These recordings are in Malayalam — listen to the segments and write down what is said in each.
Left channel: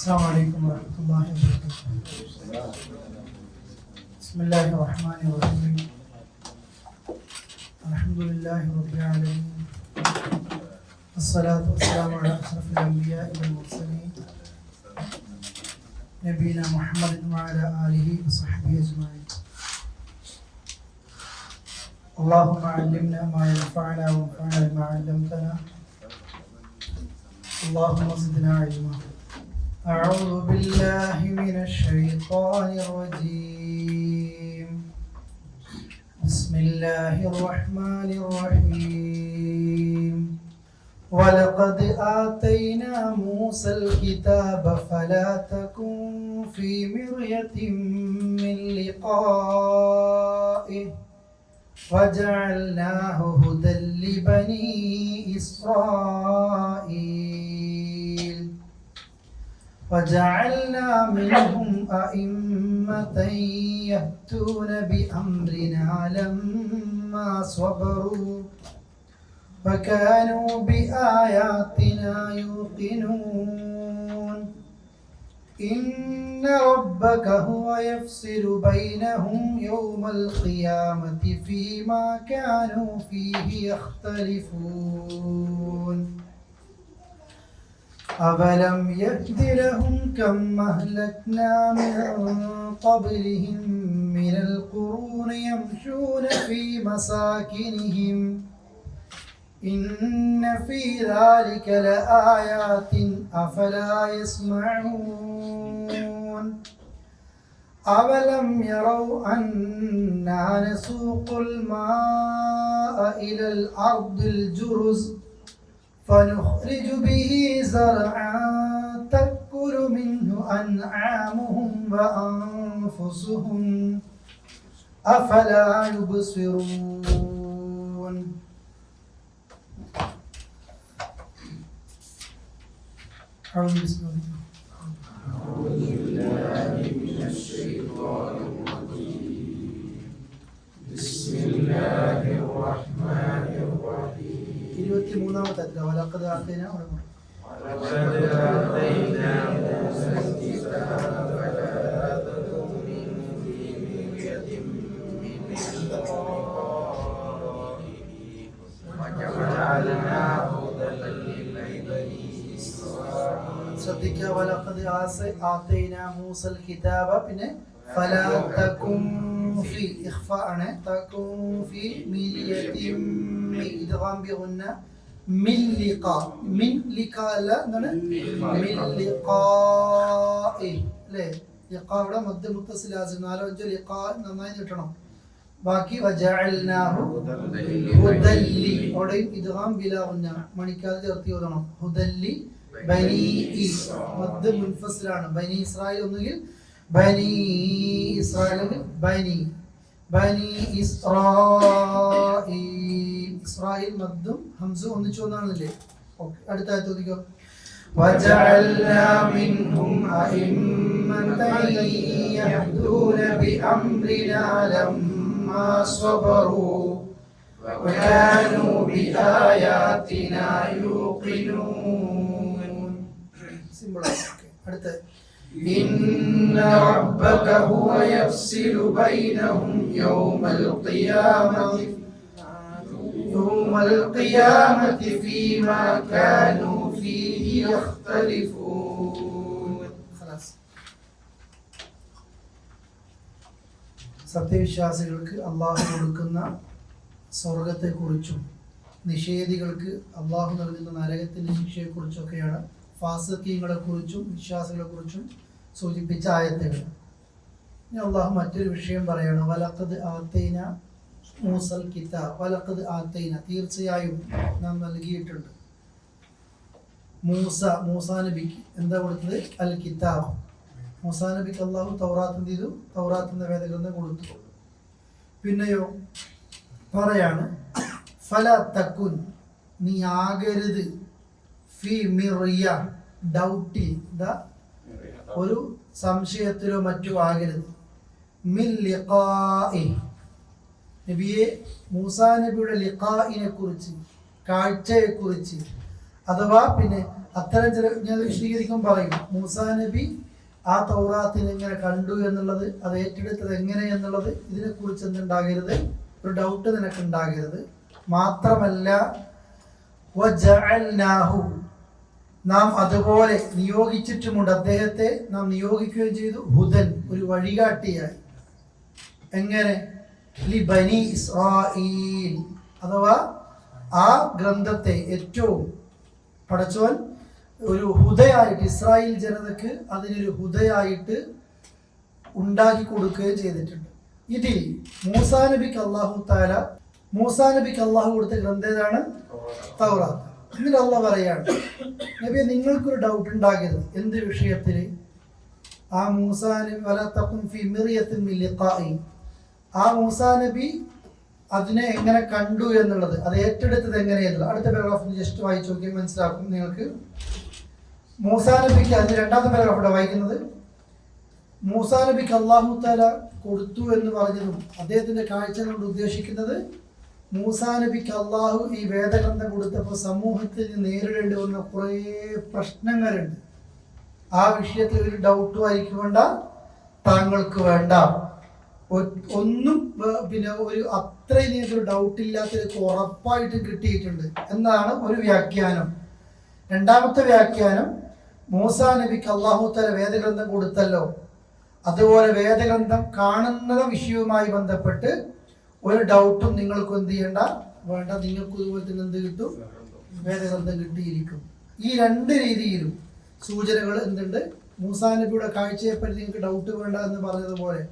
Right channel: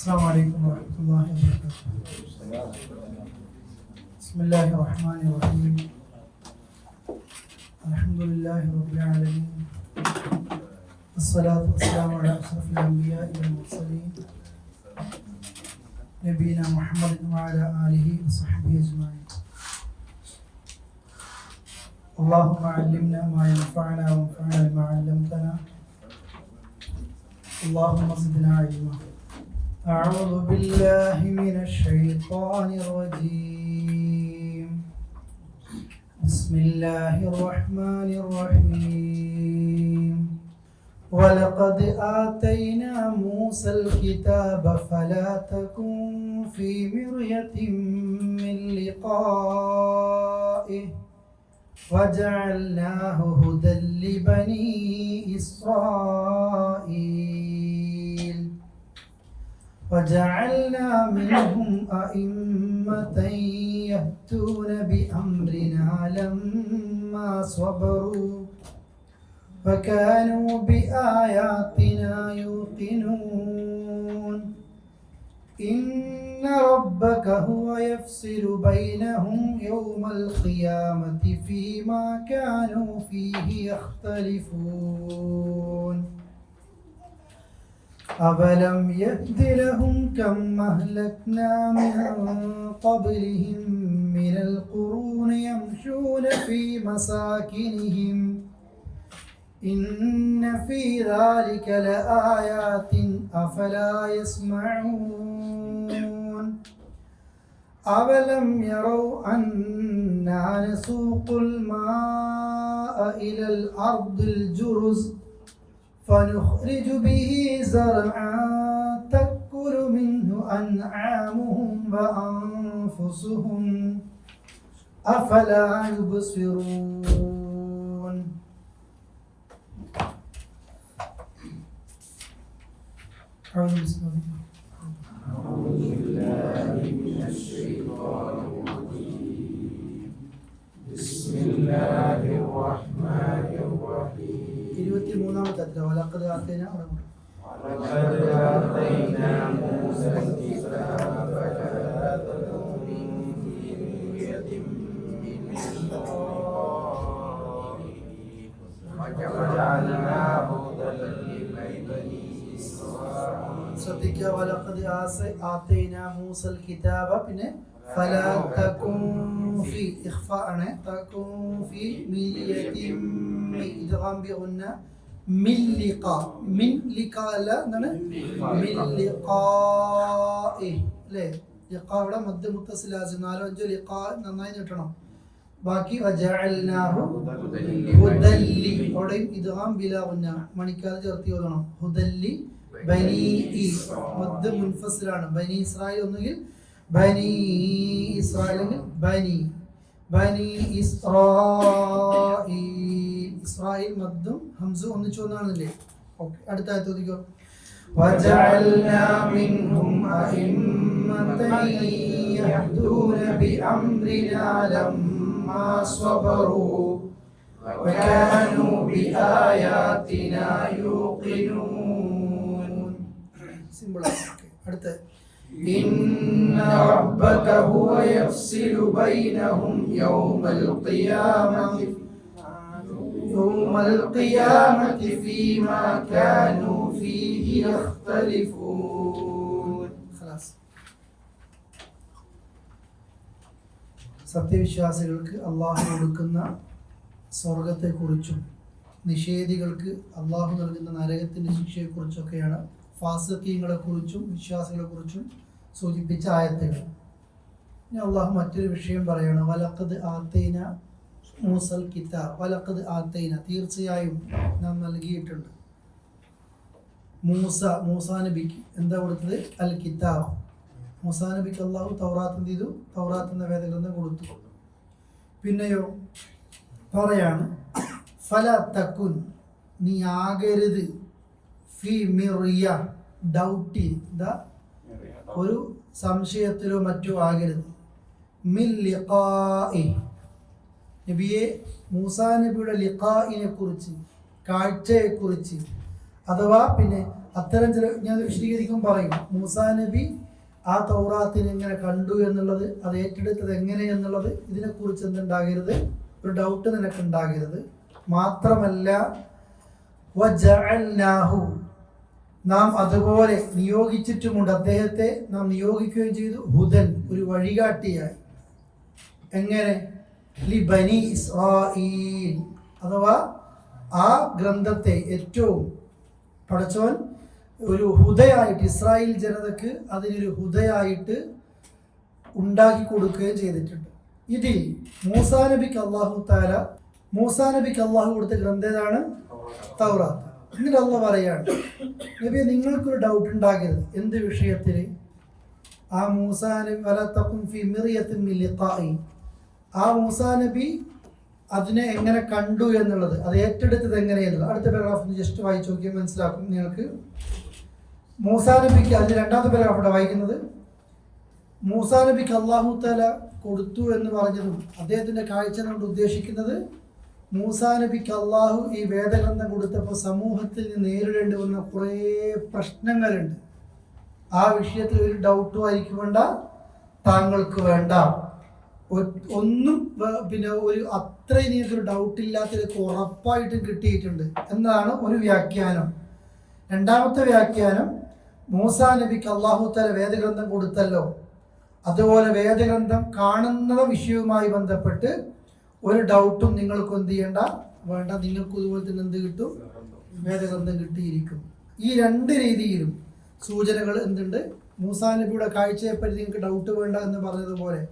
السلام عليكم ورحمة الله وبركاته. بسم الله الرحمن الرحيم. الحمد لله رب العالمين. الصلاة والسلام على أشرف الأنبياء والمرسلين نبينا محمد وعلى آله وصحبه أجمعين. اللهم علمنا ما ينفعنا وانفعنا بما علمتنا. اللهم زدنا علما. أعوذ بالله من الشيطان الرجيم. بسم الله الرحمن الرحيم. ولقد آتينا موسى الكتاب فلا تكن في مرية من لقائه وجعلناه هدى لبني إسرائيل وجعلنا منهم أئمة يهدون بأمرنا لما صبروا وكانوا بآياتنا يوقنون. إن ربك هو يفصل بينهم يوم القيامة فيما كانوا فيه يختلفون. أَوَلَمْ يَهْدِ لَهُمْ كَمْ أَهْلَكْنَا مِنْ قَبْلِهِمْ مِنَ الْقُرُونِ يَمْشُونَ فِي مَسَاكِنِهِمْ إِنَّ فِي ذَلِكَ لَآيَاتٍ أَفَلَا يَسْمَعُونَ. أَوَلَمْ يَرَوْا أَنَّا نَسُوقُ الْمَاءَ إِلَى الْأَرْضِ الْجُرُزِ فنخرج به زرعا تأكل منه أنعامهم وأنفسهم أفلا يبصرون. أعوذ بالله من الشيطان الرجيم. بسم الله الرحمن الرحيم. 23-ാമത്തെ അധ്യായം വലഖദ് ആതൈനാ മൂസ الكتاب فلا تكن في مرية من لقائه وجعلناه هدى لبني إسرائيل. ശ്രദ്ധിക്കുക, വലഖദ് ആതൈനാ മൂസൽ കിതാബ, പിന്നെ ഫലാ തകുൻ ഫി ഇഖ്ഫാ ആണ്, തകുൻ ഫി മിര്യതിൻ ഇദ്ഗാം ബിഗുന്ന മിൻ ലിഖാ, മിൻ ലിഖാ അല്ല, എന്താണ് മിൻ ലിഖാഇ അല്ലേ. ലിഖായുടെ മദ്ദ് മുത്തസിൽ ലാസിം, 4-5 ലിഖാ നന്നായി നീട്ടണം. ബാക്കി വജഅൽനാഹു ഹുദല്ലി, അവിടെയും ഇദ്ഗാം ബിലാ ഗുന്ന, മണിക്കാതെ ചേർത്തി ഓതണം. ഹുദല്ലി ബനി മദ്ദ് മുൻഫസിലാണ്. ബനി ഇസ്രായേൽ ഒന്നുകിൽ ബനി ഇസ്രായേൽ, ബനി ബനി ഇസ്രായേൽ, ഇസ്രായേൽ മദ്ദും ഹംസും ഒന്നിച്ചു വന്നാണല്ലേ. ഓക്കെ, അടുത്ത ആയത്ത് ചോദിക്കോ. വജഅൽനാ മിൻഹും അഇമ്മതൻ യഹ്ദൂന ബിഅംരിനാ ലമ്മാ സ്വബറൂ വകാനൂ ബിആയാതിനാ യൂഖിനൂൻ. സിമ്പിൾ ആണ്. ഓക്കെ, അടുത്ത إن ربك هو يفصل بينهم يوم القيامة فيما كانوا فيه يختلفون. خلاص. സത്യവിശ്വാസികൾക്ക് അള്ളാഹു കൊടുക്കുന്ന സ്വർഗത്തെക്കുറിച്ചും നിഷേധികൾക്ക് അള്ളാഹു നൽകുന്ന നരകത്തിന്റെ ശിക്ഷയെക്കുറിച്ചൊക്കെയാണ് ഫാസിഖീങ്ങളെ കുറിച്ചും വിശ്വാസികളെ കുറിച്ചും സൂചിപ്പിച്ച ആയത്തുകൾ. ഇനി അള്ളാഹു മറ്റൊരു വിഷയം പറയാണ്. വലഖദ് ആതൈനാ മൂസൽ കിതാബ്, വലഖദ് ആതൈന, തീർച്ചയായും നാം നൽകിയിട്ടുണ്ട്. മൂസാ നബിക്ക് എന്താ കൊടുത്തത്? അൽ കിതാബ്. മൂസാ നബിക്ക് അള്ളാഹു തൗറാത്ത് എന്ത് ചെയ്തു? തൗറാത്ത് എന്ന വേദഗ്രന്ഥം കൊടുത്തു. പിന്നെയോ പറയാണ് ഫല തക്കുൻ, നീ ആകരുത്, ഫി മിറിയ, ഡൗട്ടി, ഒരു സംശയത്തിലോ മറ്റോ ആകരുത്, മിൻ ലിഖാഇ, നബിയെ മൂസാ നബിയുടെ ലിഖാഇനെ കുറിച്ച്, കാഴ്ചയെക്കുറിച്ച്, അഥവാ പിന്നെ അത്തരം ചില ഞാൻ വിശദീകരിക്കാൻ പറയും. മൂസാ നബി ആ തൗറാത്തിനെ എങ്ങനെ കണ്ടു എന്നുള്ളത്, അത് ഏറ്റെടുത്തത് എങ്ങനെ എന്നുള്ളത്, ഇതിനെക്കുറിച്ച് എന്തുണ്ടാകരുത്, ഒരു ഡൗട്ട് നിനക്കുണ്ടാകരുത്. മാത്രമല്ല വജഅൽനാഹു, നാം അതുപോലെ നിയോഗിച്ചിട്ടുമുണ്ട്, അദ്ദേഹത്തെ നാം നിയോഗിക്കുകയും ചെയ്തു, ഹുദൻ, ഒരു വഴികാട്ടിയായി. എങ്ങനെ? ലി ബനി ഇസ്രായീൽ, അഥവാ ആ ഗ്രന്ഥത്തെ ഏറ്റവും പടച്ചവൻ ഒരു ഹുദയായിട്ട് ഇസ്രായേൽ ജനതക്ക് അതിനൊരു ഹുദയായിട്ട് ഉണ്ടാക്കി കൊടുക്കുകയും ചെയ്തിട്ടുണ്ട്. ഇതിൽ മൂസാ നബിക്ക് അള്ളാഹു കൊടുത്ത ഗ്രന്ഥം ഏതാണ്? തൗറാത്ത്. എന്നിട്ട് അള്ളാഹ് പറയാണ്, നബിയെ നിങ്ങൾക്കൊരു ഡൗട്ട് ഉണ്ടാകരുത്. എന്ത് വിഷയത്തിൽ? ആ മൂസാ നബി വലാ തഖും ഫീ മിർയത്തിൻ മിൻ ലിഖാഇ, ആ മൂസാ നബി അതിനെ എങ്ങനെ കണ്ടു എന്നുള്ളത്, അത് ഏറ്റെടുത്തത് എങ്ങനെയെന്നുള്ളത് അടുത്ത പാരഗ്രാഫ് ജസ്റ്റ് വായിച്ചു നോക്കിയാൽ മനസ്സിലാക്കും നിങ്ങൾക്ക്. മൂസാ നബിക്ക്, അതിന് രണ്ടാമത്തെ പാരഗ്രാഫ് ഇവിടെ വായിക്കുന്നത്, മൂസാ നബിക്ക് അല്ലാഹു തആല കൊടുത്തു എന്ന് പറഞ്ഞതും അദ്ദേഹത്തിന്റെ കാഴ്ച കൊണ്ട് ഉദ്ദേശിക്കുന്നത്, മൂസാ നബിക്ക് അള്ളാഹു ഈ വേദഗ്രന്ഥം കൊടുത്തപ്പോൾ സമൂഹത്തിൽ നേരിടേണ്ടി വന്ന കുറേ പ്രശ്നങ്ങളുണ്ട്. ആ വിഷയത്തിൽ ഒരു ഡൗട്ടും ആയിരിക്കും വേണ്ട, താങ്കൾക്ക് വേണ്ട, ഒന്നും പിന്നെ ഒരു അത്രയും ഒരു ഡൗട്ടില്ലാത്തൊരു ഉറപ്പായിട്ടും കിട്ടിയിട്ടുണ്ട് എന്നാണ് ഒരു വ്യാഖ്യാനം. രണ്ടാമത്തെ വ്യാഖ്യാനം, മൂസാ നബിക്ക് അല്ലാഹു തആല വേദഗ്രന്ഥം കൊടുത്തല്ലോ, അതുപോലെ വേദഗ്രന്ഥം കാണുന്ന വിഷയവുമായി ബന്ധപ്പെട്ട് ഒരു ഡൗട്ടും നിങ്ങൾക്ക് എന്ത് ചെയ്യണ്ട, വേണ്ട, നിങ്ങൾക്ക് ഇതുപോലെ തന്നെ എന്ത് കിട്ടും, വേദഗ്രന്ഥം കിട്ടിയിരിക്കും. ഈ രണ്ട് രീതിയിലും സൂചനകൾ എന്തുണ്ട്? മൂസാ നബിയുടെ കാഴ്ചയെപ്പറ്റി നിങ്ങൾക്ക് ഡൗട്ട് വേണ്ട എന്ന് പറഞ്ഞതുപോലെ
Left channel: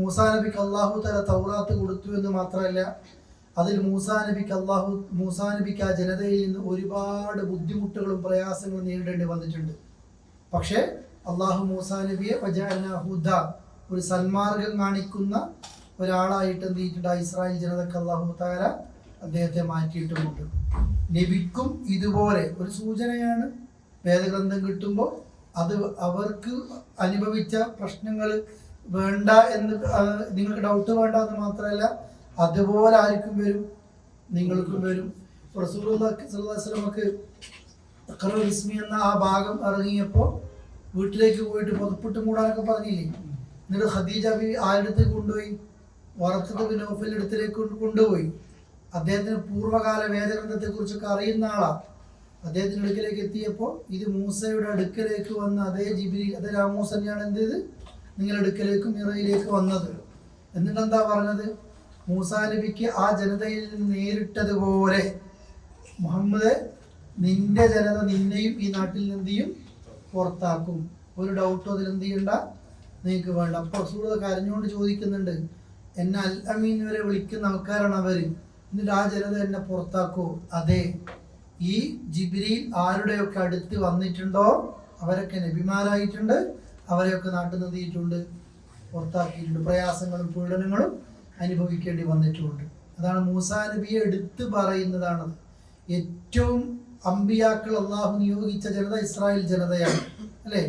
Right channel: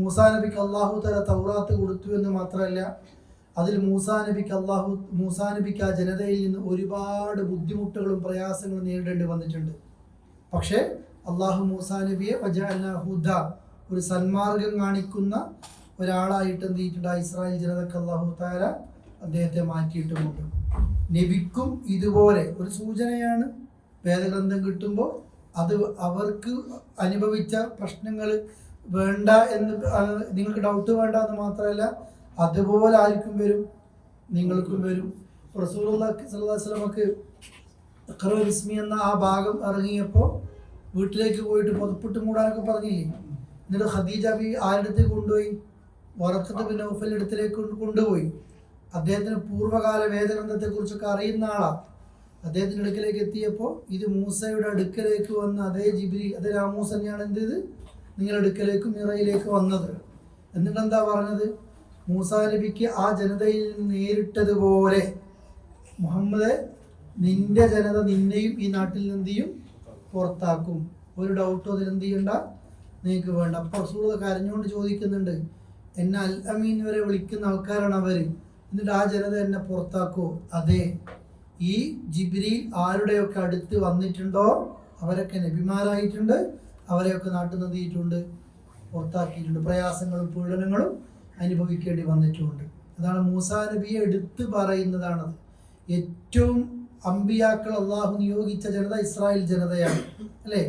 മൂസാ നബിക്ക് അല്ലാഹു തആല തൗറാത്ത് കൊടുത്തു എന്ന് മാത്രമല്ല, അതിൽ മൂസാ നബിക്ക് ആ ജനതയിൽ നിന്ന് ഒരുപാട് ബുദ്ധിമുട്ടുകളും പ്രയാസങ്ങളും നേരിടേണ്ടി വന്നിട്ടുണ്ട്. പക്ഷേ അള്ളാഹു മൂസാ നബിയെ വജഅൽനാഹു ഹുദ, ഒരു സന്മാർഗം കാണിക്കുന്ന ഒരാളായിട്ട് എന്ത് ചെയ്തിട്ടുണ്ട്? ഇസ്രായേൽ ജനതക്ക് അല്ലാഹു തആല അദ്ദേഹത്തെ മാറ്റിയിട്ടുമുണ്ട്. നബിക്കും ഇതുപോലെ ഒരു സൂചനയാണ്. വേദഗ്രന്ഥം കിട്ടുമ്പോൾ അത് അവർക്ക് അനുഭവിച്ച പ്രശ്നങ്ങൾ വേണ്ട എന്ന്, നിങ്ങൾക്ക് ഡൗട്ട് വേണ്ട എന്ന് മാത്രമല്ല, അതുപോലെ ആർക്കും വരും, നിങ്ങൾക്കും വരും. റസൂലുള്ളാഹി സ്വല്ലല്ലാഹു അലൈഹി വസല്ലമക്ക് ഖുർആൻ ഇസ്മി എന്ന ആ ഭാഗം ഇറങ്ങിയപ്പോൾ വീട്ടിലേക്ക് പോയിട്ട് പുതപ്പിട്ട് മൂടാനൊക്കെ പറഞ്ഞില്ലേ? എന്നിട്ട് ഖദീജ ബി ആരുടെ കൊണ്ടുപോയി? വറഖത്ത് ബിൻ നൗഫലിന്റെ അടുത്തിലേക്ക് കൊണ്ടുപോയി. അദ്ദേഹത്തിന് പൂർവ്വകാല വേദഗ്രന്ഥത്തെക്കുറിച്ചൊക്കെ അറിയുന്ന ആളാണ്. അദ്ദേഹത്തിൻ്റെ അടുക്കലേക്ക് എത്തിയപ്പോൾ ഇത് മൂസയുടെ അടുക്കലേക്ക് വന്ന അതേ ജിബ്രീൽ, അതേ രാമൂസ തന്നെയാണ് എന്ത് ചെയ്ത് നിങ്ങളുടെ അടുക്കലേക്ക് മിറയിലേക്ക് വന്നത്. എന്നിട്ട് എന്താ പറഞ്ഞത്? മൂസാ നബിക്ക് ആ ജനതയിൽ നേരിട്ടതുപോലെ മുഹമ്മദ്, നിന്റെ ജനത നിന്നെയും ഈ നാട്ടിൽ നിന്ന് എന്ത് ചെയ്യും? പുറത്താക്കും. ഒരു ഡൗട്ടും അതിൽ എന്ത് ചെയ്യണ്ട, നിങ്ങൾക്ക് വേണ്ട. അപ്പോൾ റസൂൽ കരഞ്ഞുകൊണ്ട് ചോദിക്കുന്നുണ്ട്, എന്നെ അൽ അമീൻ വരെ വിളിക്കുന്ന ആൾക്കാരാണ് അവർ, എന്നിട്ട് ആ ജനത എന്നെ പുറത്താക്കൂ? അതെ, ഈ ജിബ്രീൽ ആരുടെയൊക്കെ അടുത്ത് വന്നിട്ടുണ്ടോ അവരൊക്കെ നബിമാരായിട്ടുണ്ട്, അവരെയൊക്കെ നാട്ടിൽ നിർത്തിയിട്ടുണ്ട്, പുറത്താക്കിയിട്ടുണ്ട്, പ്രയാസങ്ങളും പീഡനങ്ങളും അനുഭവിക്കേണ്ടി വന്നിട്ടുമുണ്ട്. അതാണ് മൂസാ നബിയെ എടുത്ത് പറയുന്നതാണത്. ഏറ്റവും അമ്പിയാക്കൾ അള്ളാഹു നിയോഗിച്ച ജനത ഇസ്രായേൽ ജനതയാണ്, അല്ലേ?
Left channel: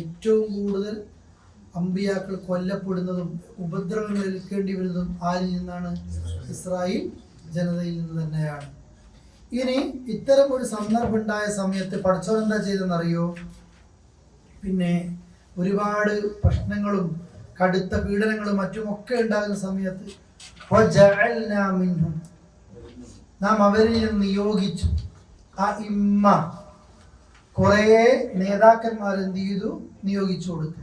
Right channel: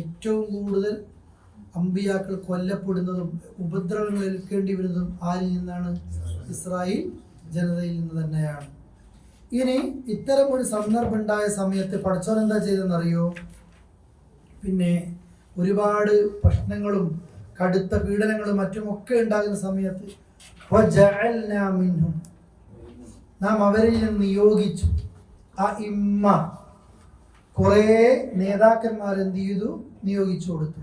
ഏറ്റവും കൂടുതൽ അമ്പിയാക്കൾ കൊല്ലപ്പെടുന്നതും ഉപദ്രവങ്ങൾ ഏൽക്കേണ്ടി വരുന്നതും ആരിൽ നിന്നാണ്? ഇസ്രായേൽ ജനതയിൽ നിന്ന് തന്നെയാണ്. ഇനി ഇത്തരം ഒരു സന്ദർഭം ഉണ്ടായ സമയത്ത് പടച്ചോൻ എന്താ ചെയ്തെന്നറിയോ? പിന്നെ ഒരുപാട് പ്രശ്നങ്ങളും കടുത്ത പീഡനങ്ങളും മറ്റുമൊക്കെ ഉണ്ടാകുന്ന സമയത്ത് നാം അവരിൽ നിന്ന് നിയോഗിച്ചു കുറേ നേതാക്കന്മാരെന്ത് ചെയ്തു? നിയോഗിച്ചു കൊടുത്തു.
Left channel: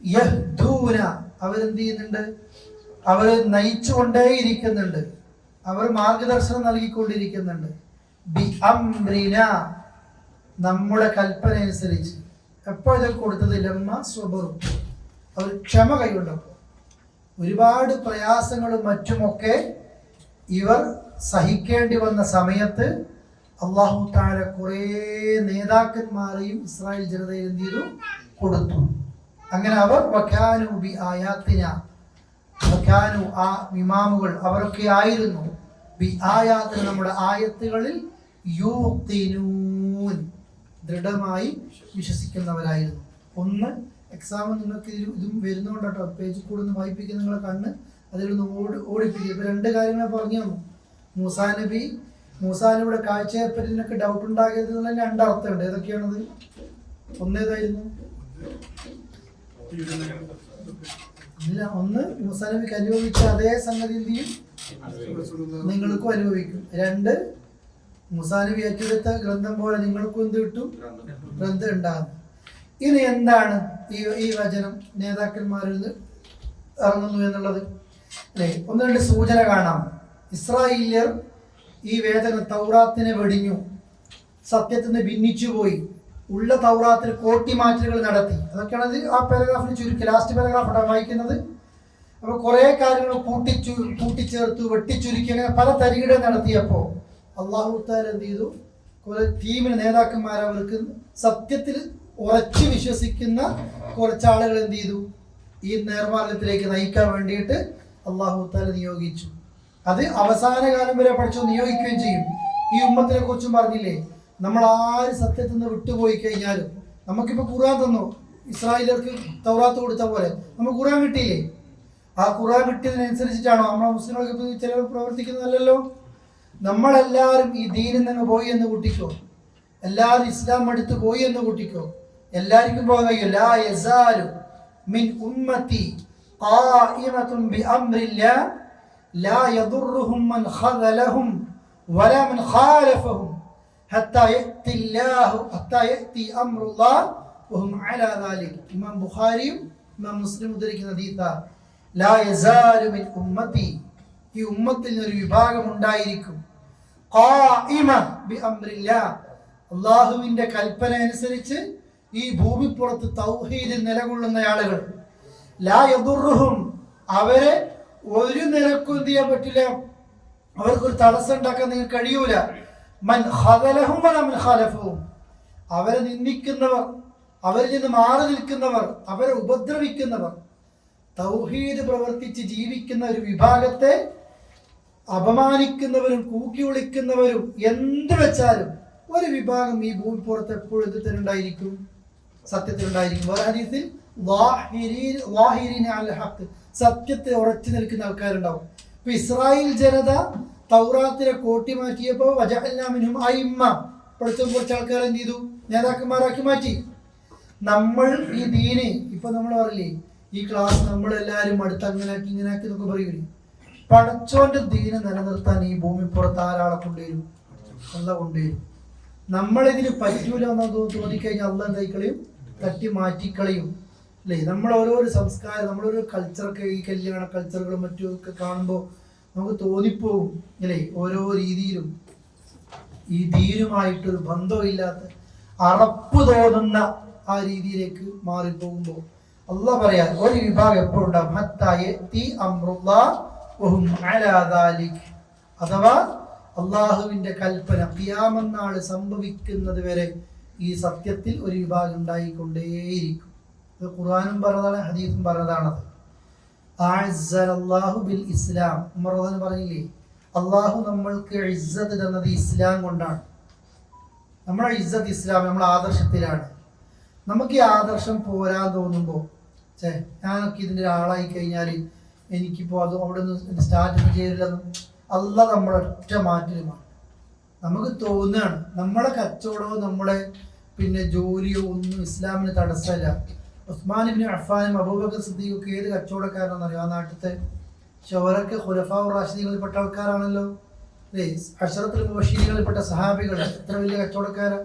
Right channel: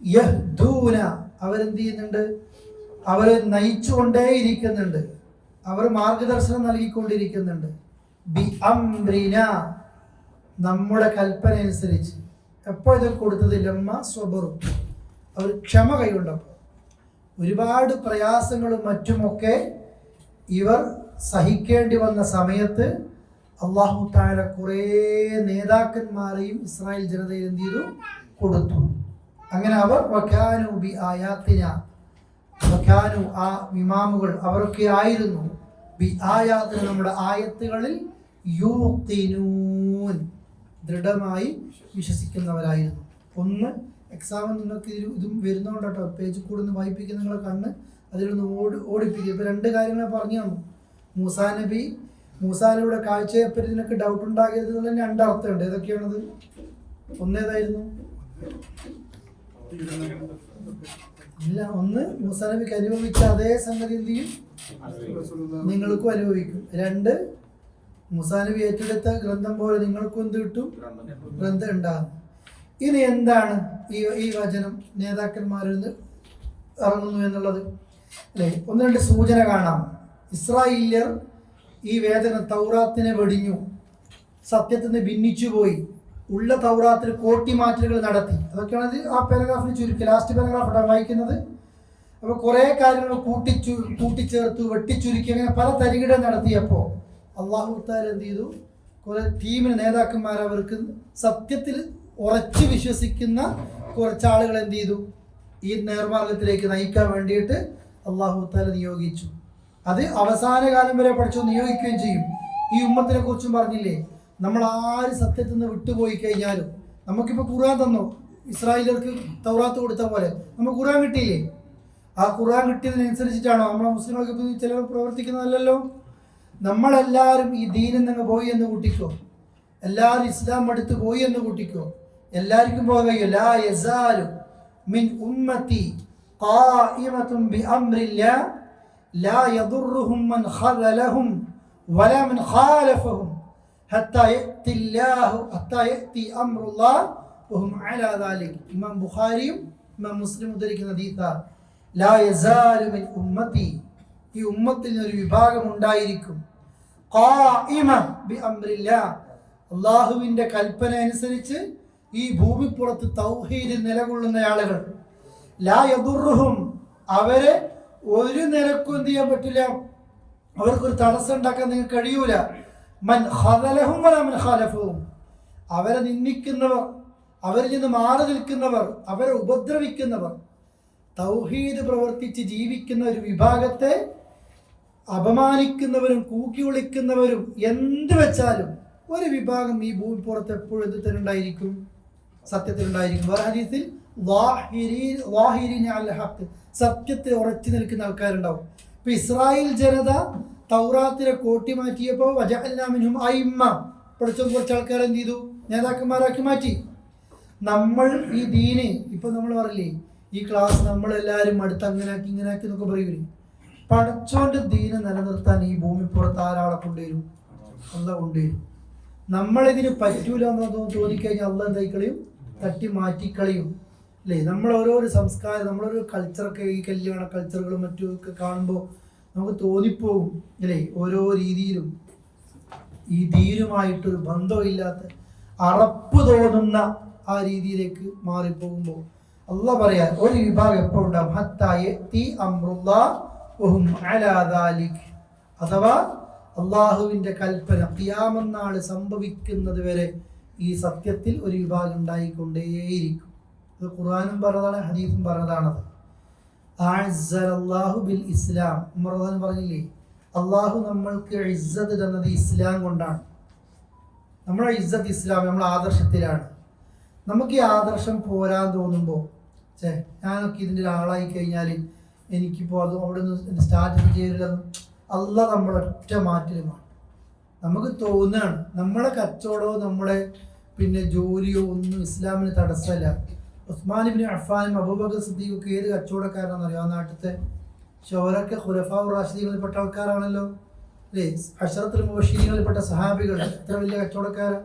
യഹ്ദൂന, അവരെന്ത് ചെയ്യുന്നുണ്ട്? അവർ നയിച്ചുകൊണ്ടേയിരിക്കുന്നുണ്ട്, അവർ മാർഗദർശനം നൽകിക്കൊണ്ടിരിക്കുന്നുണ്ട്. ബി അംറിന, നമ്മുടെ കൽപ്പന അനുസരിച്ച്. എപ്പോൾ ഇതൊക്കെ കൊടുത്തത്? ലമ്മ സ്വബറും, അവർ ക്ഷമ കൈകൊണ്ടപ്പോൾ. ഒരുപാട് പ്രയാസങ്ങളും മറ്റുമൊക്കെ ഇവർ സഹിക്കേണ്ടി വന്ന സമയത്ത് അല്ലാഹു തആല കുറേ നേതാക്കന്മാരെയും ഇസ്രായേൽ ജനതയിൽ എന്ത് ചെയ്തു? കൊടുത്തു. അങ്ങനെ അവർ വകാനു ബി ആയാത്തിന, വകാനു, ആ ഇമാമുകൾ അവരൊക്കെ ആയിരുന്നു, ബി ആയാത്തിന, നമ്മുടെ ആയത്തുകളിൽ, യൂഖിനൂൻ, ദൃഢമായി വിശ്വസിക്കുന്നവരായിരുന്നു. ഒന്ന് എക്സാമിന് നിങ്ങൾക്ക് ഇതും വരുന്നതുകൊണ്ട് കേട്ടോ, പേജിൽ കൂടെ ഒന്ന് വായിപ്പിക്കുന്ന നിങ്ങളെ കണ്ണ് അതിൽ നിന്ന് ഓടിപ്പിക്കുക. ഇപ്പം രണ്ട് കാര്യങ്ങളെ പറഞ്ഞു തന്നു. മൂസാ നബി മൂസാനബിയുടെ കാഴ്ചയെപ്പറ്റി നിനക്ക് ഡൗട്ട് ഉണ്ടാകരുത് എന്നുള്ള രണ്ടർത്ഥമുണ്ട്. ഏതൊക്കെയാണത്? ഒന്നേതായിരുന്നു? ഇല്ല, ഒന്ന് മൂസാനബിക്ക് അനുഭവിച്ച അതേ സംഗതി എന്ത് ചെയ്യും? നിങ്ങൾക്കും അനുഭവിക്കും. രണ്ട്, മൂസാനബി ഏറ്റെടുത്ത ഗ്രന്ഥം പോലെ നിങ്ങൾക്കും എന്ത് കിട്ടും? ഗ്രന്ഥം ഉണ്ടാകും. ഇനി എന്താണ് ഈ വചനം നേതാക്കന്മാരിൽ നിന്ന് ഇറങ്ങുന്നു എന്നുള്ളത് അല്ലേ? ഒന്ന് രണ്ട് സൂചന കാണാം. ഇസ്രായേല്യർ ഈ വേദന തൗറാത്തിനെ വെടിഞ്ഞു, സത്യത്തിൽ നിന്ന് ഭിന്നിച്ചുപോയി, ഉള്ള തൗറാത്തിൽ കോട്ടിമാറ്റലുകൾ നടത്തി. അതൊക്കെയാണ് ആ പാരഗ്രാഫിന് ചുരുക്കി. ലാസ്റ്റ് പാരഗ്രാഫാണ് വായിക്കുന്നത്. അപ്പോൾ കുറേ കാര്യങ്ങൾ കൂട്ടിച്ചേർത്തു, വെട്ടിച്ചുരുക്കി, അങ്ങനെ പല തരികിട നടത്തിയപ്പോൾ അള്ളാഹു തആല എന്ത് ചെയ്തു? കുറേ ടീമിന് നേതാക്കന്മാർ, അവർക്ക് സത്യത്തിൽ ഉറച്ചു വിശ്വസിക്കുന്ന കുറച്ച് ആളുകൾ എന്ത് ചെയ്തു? ഈ നേർമാർഗത്തിലേക്ക് നയിക്കാൻ വേണ്ടിയിട്ട് അള്ളാഹു തആല നിയോഗിച്ചു. അത് അവസാന കാലം വരെ പഠിച്ചു നിയോഗിക്കുകയും ചെയ്യും. ഈ ഉമ്മത്തിനെ കുറിച്ചും പറഞ്ഞില്ലേ, നമ്മൾ ആര് സത്യത്തിൽ നിന്ന് വിട്ടുപോയി കഴിഞ്ഞാലും, നമുക്കിപ്പോൾ ഖുർആൻ തന്നു, ഇസ്രായേലർക്ക് തൗറാത്ത് കൊടുത്ത പോലെ നമുക്ക് ഖുർആൻ കിട്ടിയില്ലേ? ആ ഖുർആൻ കിട്ടിയതിനനുസരിച്ചിട്ടാണോ നമ്മളെ മുസ്ലിങ്ങൾക്ക് ചിലർ പ്രവർത്തിക്കുന്നതല്ലല്ലോ? നമ്മളെല്ലാവരും ഈ ദീനിൽ നിന്ന് പോയി എന്ന് കൂട്ടിക്കോ, എല്ലാവരും ഇസ്ലാം എടുത്ത് പോയി എന്ന് കൂട്ടിക്കോ, എല്ലാവർക്കും പോകയോ ലാ യസാലു മിൻ ഉമ്മത്തി ഖായിമത്തുൻ ബിഅംരില്ലാ ലാ യദുർറുഹും മൻ ഖദലഹും വലാ മൻ ഖാലഫഹും ഹത്താ യഅതി അംറുല്ലാഹ് വഹും അലാ ദാലിക്. ഇമാം ബുഖാരിയും ഇമാം മുസ്ലിം ഉദ്ധരിക്കുന്ന ഹദീസാണ്. ലാ യസാലു മിൻ ഉമ്മത്തി, ഈ ഉമ്മത്തിൽ ഒരു വിഭാഗം ഉണ്ടായിരിക്കും, ഖായിമ ബിഅംരില്ലാ, അല്ലാഹുവിന്റെ കൽപ്പന അനുസരിച്ച് ഈ ഭൂമിപ്പുറത്ത് തൗഹീദിൽ നിലകൊള്ളുന്ന ആളുകൾ. ലാ യദുർറുഹും, അവരെ ഒരു നിലക്കും എന്ത് ചെയ്യാൻ പറ്റില്ല, അവർക്കൊരു തടസ്സം ഉണ്ടാക്കാൻ നിങ്ങൾക്ക് കഴിയൂല. മൻ ഖദലഹും വലാ മൻ ഖാലഫഹും, അവരെ നിന്ദിക്കുന്നവർ, അവരിൽ നിന്ന് മാറി നിൽക്കുന്നവർ, അവരെ ഉപദ്രവിക്കുന്നവർ, തൗഹീദ് പ്രവർത്തിച്ച് ജീവിക്കുന്ന ഒരു വിഭാഗത്തെ അപമാനിക്കുന്നവരും കൂക്കി വിളിക്കുന്നവരും എന്ത് വെച്ചാലും ഒരു വിഭാഗം ഈ ഭൂമിപ്പുറത്ത് എപ്പോഴും എന്ത് തന്നെ ഉണ്ടായിരിക്കും? സത്യത്തിലുണ്ടായിരിക്കും. വേറെ ഹദീസിൽ സത്യത്തെ ഉറച്ചു നിൽക്കുന്ന ആൾക്കാരുണ്ടാവും. ഇപ്പൊ ഇസ്രായേൽ ജനത തൗറാത്തിനെ കോട്ടി മാറ്റിയപ്പോൾ വജഅൽനാ മിൻഹും അയിമ്മ, പഠിച്ച കുറച്ച് ആൾക്കാർ എന്ത് ചെയ്തു? നേതാക്കന്മാരാക്കി മാറ്റി. നമ്മൾ ഈ ദീന് ഇപ്പൊ നമ്മൾ പറയില്ലേ, ഈ ക്ലാസ് നമ്മളെല്ലാവരും അടുത്ത് അങ്ങനാക്കി ഇങ്ങനാക്കി എന്നൊക്കെ പറയൂലേ, പടച്ചോന്റെ ദീന് നിലനിർത്താൻ ഈ ഭൂമിപ്പുറത്ത് ആരാളെ കൊണ്ടുവരും? അള്ളാഹ് കൊണ്ടുവരും. നമ്മളിതിന് പറ്റൂല എന്നോ തോന്നിക്കഴിഞ്ഞാൽ അള്ളാഹ് എന്തായിക്കളയും? തട്ടി മാറ്റിക്കളയും അല്ലേ? നമ്മൾ ഓരോരോ സംസ്കാരം, നമ്മളൊരു കൾച്ചറൊക്കെ, ഈ കല്യാണ കൾച്ചറുകളും മറ്റുമൊക്കെ കാണുമ്പോൾ നമുക്ക് തോന്നിപ്പോകും അല്ലേ, ഓരോ രീതിയിലും ഈ ദീനുമായിട്ടൊരു ബന്ധമില്ലാത്ത അറപ്പ് തോന്നുന്ന ആ രീതിയിലേക്ക് മാറിപ്പോകുമ്പോൾ അള്ളാഹ് പറയാ ഒരു വിഭാഗം എപ്പോഴും ഉണ്ടാകും, ഹത്താ യഅതി അംറുല്ലാഹ് വഹും അലാ ദാലിക്, അഥവാ അള്ളാഹുവിന്റെ കൽപ്പന ഖിയാമത്ത് നാൾ സംഭവിക്കുന്നത് വരെ ഈ സത്യത്തിൽ ഒരു വിഭാഗം ഉണ്ടായിക്കൊണ്ടേയിരിക്കും. ഇത് ഖുർആനും പറഞ്ഞതാണ്, ഹദീസും പറഞ്ഞതാണത്. അഅസ്സലല്ലാഹു ബിൽ ഇസ്ലാം, ഉമർ പറഞ്ഞില്ലേ, അള്ളാഹു നമ്മൾക്ക് ഇസ്സത്ത് തന്നത് ഇസ്ലാം കൊണ്ടാണ്. നമ്മുടെ ഇസ്സത്ത് ഇസ്ലാം, നമ്മുടെ ആദർശത്തിലാണ്. നമുക്ക് ഈ ആദർശം പോരാൻ തോന്നുമ്പോൾ, ഞാനൊക്കെ ഇതിൻ്റെ ആളായി കഴിഞ്ഞാൽ എനിക്കിപ്പോൾ അത് അവിടെ നിന്ന് സ്റ്റാർട്ട് ചെയ്തില്ലെന്ന് അള്ളാഹ് നമ്മളൊറ്റ മാറ്റലുമാണ്. നമുക്ക് തോന്നുകയാണ് നമ്മളെ കച്ചവടമോ നമ്മളെ ജോലിയോ ഒന്നും ഇസ്ലാമിന് തടസ്സമല്ല. ഉസ്മാൻ ഇബ്നു അഫ്ഫാനും അബൂബക്കർ സിദ്ദീഖൊക്കെ ഏത് കച്ചവടക്കാരാണെന്ന് അറിയാം? ആ നാട്ടിലത്തെ ഷോരൊക്കെ ഖുലഫാഉർ റാഷിദീങ്ങളിൽപ്പെട്ട ആൾക്കാരാണല്ലോ അല്ലേ? അശ്റത്തുൽ മുബശ്ശിരീങ്ങളിൽപ്പെട്ട സഹാബികൾ എത്ര വലിയ കച്ചവടക്കാരാ.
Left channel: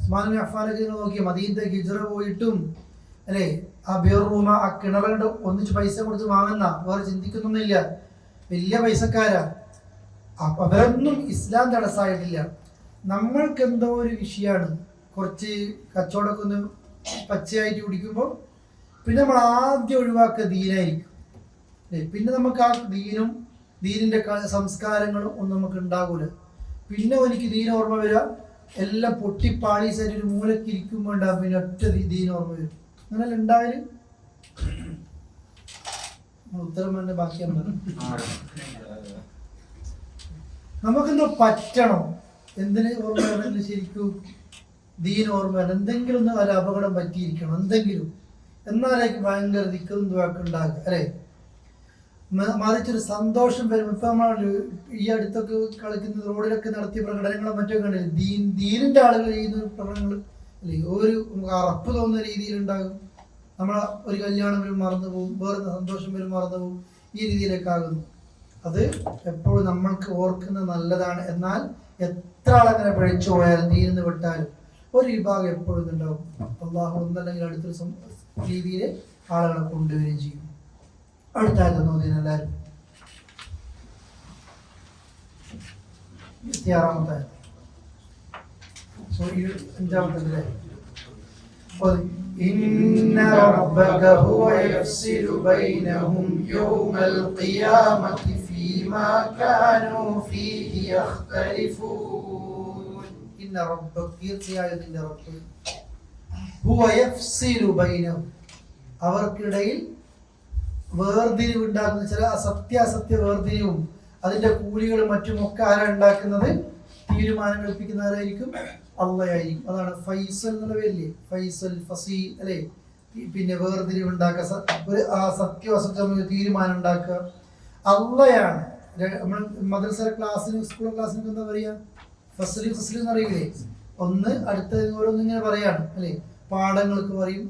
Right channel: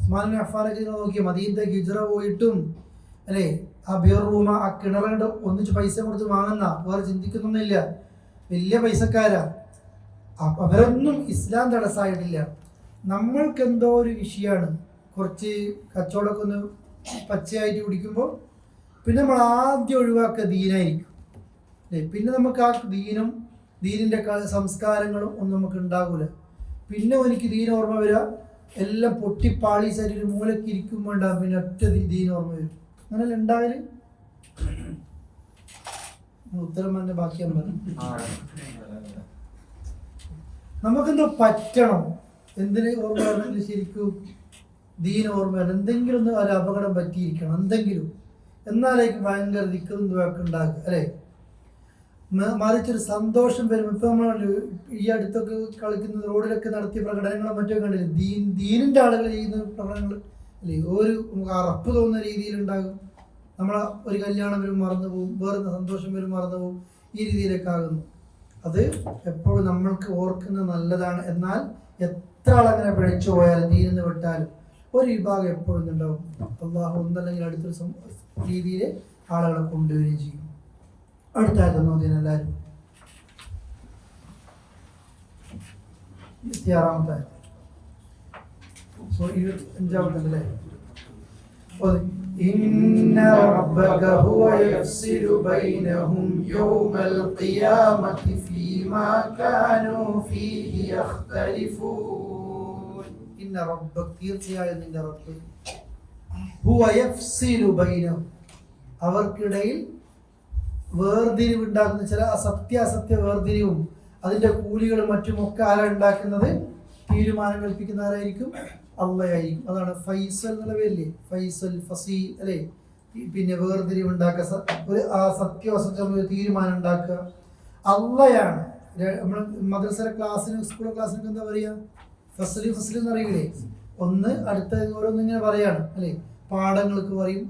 ഉസ്മാൻ ഇബ്നു അഫ്ഫാനൊക്കെ നോക്കി മദീനത്തേക്ക് ഹിജ്റ പോയിട്ടും അല്ലേ, ആ ബിർറൂമ, ആ കിണറുകൊണ്ട് ഒന്നിച്ച് പൈസ കൊടുത്ത് വാങ്ങുന്ന, വേറെ ചിന്തിക്കുന്നൊന്നുമില്ല, വലിയ പൈസക്കാരാ. അവരൊന്നും ഇസ്ലാം തടസ്സമായിട്ടില്ല. നമ്മൾക്കെന്തോ ഒരു വിഷയമാണ്, കുറച്ച് കച്ചവടമൊക്കെ ഒന്ന് പച്ചയായിട്ട് കുടിക്കുമ്പോൾ പിന്നെ നമ്മൾ ആദ്യം ഒഴിവാക്കുക ദീനായിരിക്കും അല്ലേ. പിന്നെ നമുക്ക് ആ ദീനിൻ്റെ സംസ്കാരങ്ങളും ഒന്നും നമുക്ക് ഉണ്ടാകൂല. പിന്നെ എനിക്ക് ദീൻ ഓർമ്മ വരിക എല്ലാം പൊട്ടിപ്പാളീസായിട്ട് ഒരു മൂലക്ക് ഇരിക്കുമ്പോൾ ഉണ്ടാകും, പിന്നെ ഒറ്റ ദീൻ ഓർമ്മ വരും. അങ്ങനെയല്ല ഉണ്ടാവല്? ഉത്തരം തന്നെ ബാക്കിയാണ് പറഞ്ഞു. നമുക്കെന്തോ പറ്റണം, എന്തിന് ഓർമ്മ വരണമെങ്കിൽ ശരിക്കും ദീൻ ഓർമ്മ വരണം. എന്തെങ്കിലും ഒന്ന് ഒരു അപകടം പറ്റിയിരിക്കണം, എന്തെങ്കിലും, എന്നാലേക്ക് ഭയങ്കര ദിക്കറും ദുആക്കും ഉണ്ടാകുക അല്ലേ. മറിച്ചൊരു സന്തോഷം വരും. ഇപ്പം നമ്മൾ ഈ അടുത്തൊക്കെ കളിക്കുന്ന റോഡിലൊക്കെ നടത്തിയ പ്രകടനങ്ങളും മറ്റൊക്കെ കണ്ടില്ലേ, ദീനിൻ്റെ ആളുകൾ ചെയ്യുന്ന പ്രകടനങ്ങൾ അല്ലേ, ഒരു അറപ്പ് തോന്നുന്ന രീതിയിലുണ്ടാകും. നമ്മൾ ഒരു കല്യാണം വരും മറന്നു പോകും, വേറെ സന്തോഷം വരും മറന്നു പോകും, ഈ രീതിയിലൊക്കെ ആകുന്നു. അത് എപ്പോഴും നമ്മൾക്ക് ഓർക്കുന്നത് നല്ലതാണ്. എന്നാൽ എത്ര ആളങ്ങനെ പിഴച്ചു പോയാലും ദീനിന്ന് വിട്ടാലും ഒരു വിഭാഗം എപ്പോഴും ഉണ്ടാവും. അള്ളാഹു ഒന്നല്ലെങ്കിൽ അടുത്തൊരു രീതിയിൽ ആളുകളെ കൊണ്ടുവരികയും ചെയ്യും. അടുത്തായിരുന്നു നോക്കിയാൽ എല്ലാവരും 26-ാമത്തെ 25-ാമത്തെ إن ربك هو يفصل بينهم يوم القيامة فيما كانوا فيه يختلفون إن ربك തീർച്ചയായും നിന്റെ റബ്ബ് هو يفصل بينهم അവർക്കിടയിൽ വേർതിരിവുണ്ടാക്കുന്ന ചില അസത്യ വേർതിരിവും അതിന്റെ കൂലികളും മറ്റുമൊക്കെ ആരാണ് ഉണ്ടാക്കുന്നത്? തീരുമാനം കൽപ്പിക്കുന്നവരായിരിക്കും, അള്ളയായിരിക്കും. അതാണ് ഫൈസൽ എന്നുള്ള പേരില്ലേ, ഫൈസൽ ഫസീൽ അല്ലേ. പിന്നെ വേർതിരിവുണ്ടാക്കുക, ഒരു സത്യം അസത്യം തീരുമാനം ഉണ്ടാക്കുക അള്ളയാണ്. നമ്മൾ മദ്രസയിലെ ക്ലാസ്സിന് സ്കൂൾ ക്ലാസ്സിനൊക്കെ എന്താ പറയുക? ഫസൽ എന്ന് അറിയില്ലേ? ഒന്ന് അടുത്ത ഓരോന്നിങ്ങനെ പറയാണ് അല്ലേ, പാഠങ്ങൾക്ക് പറയും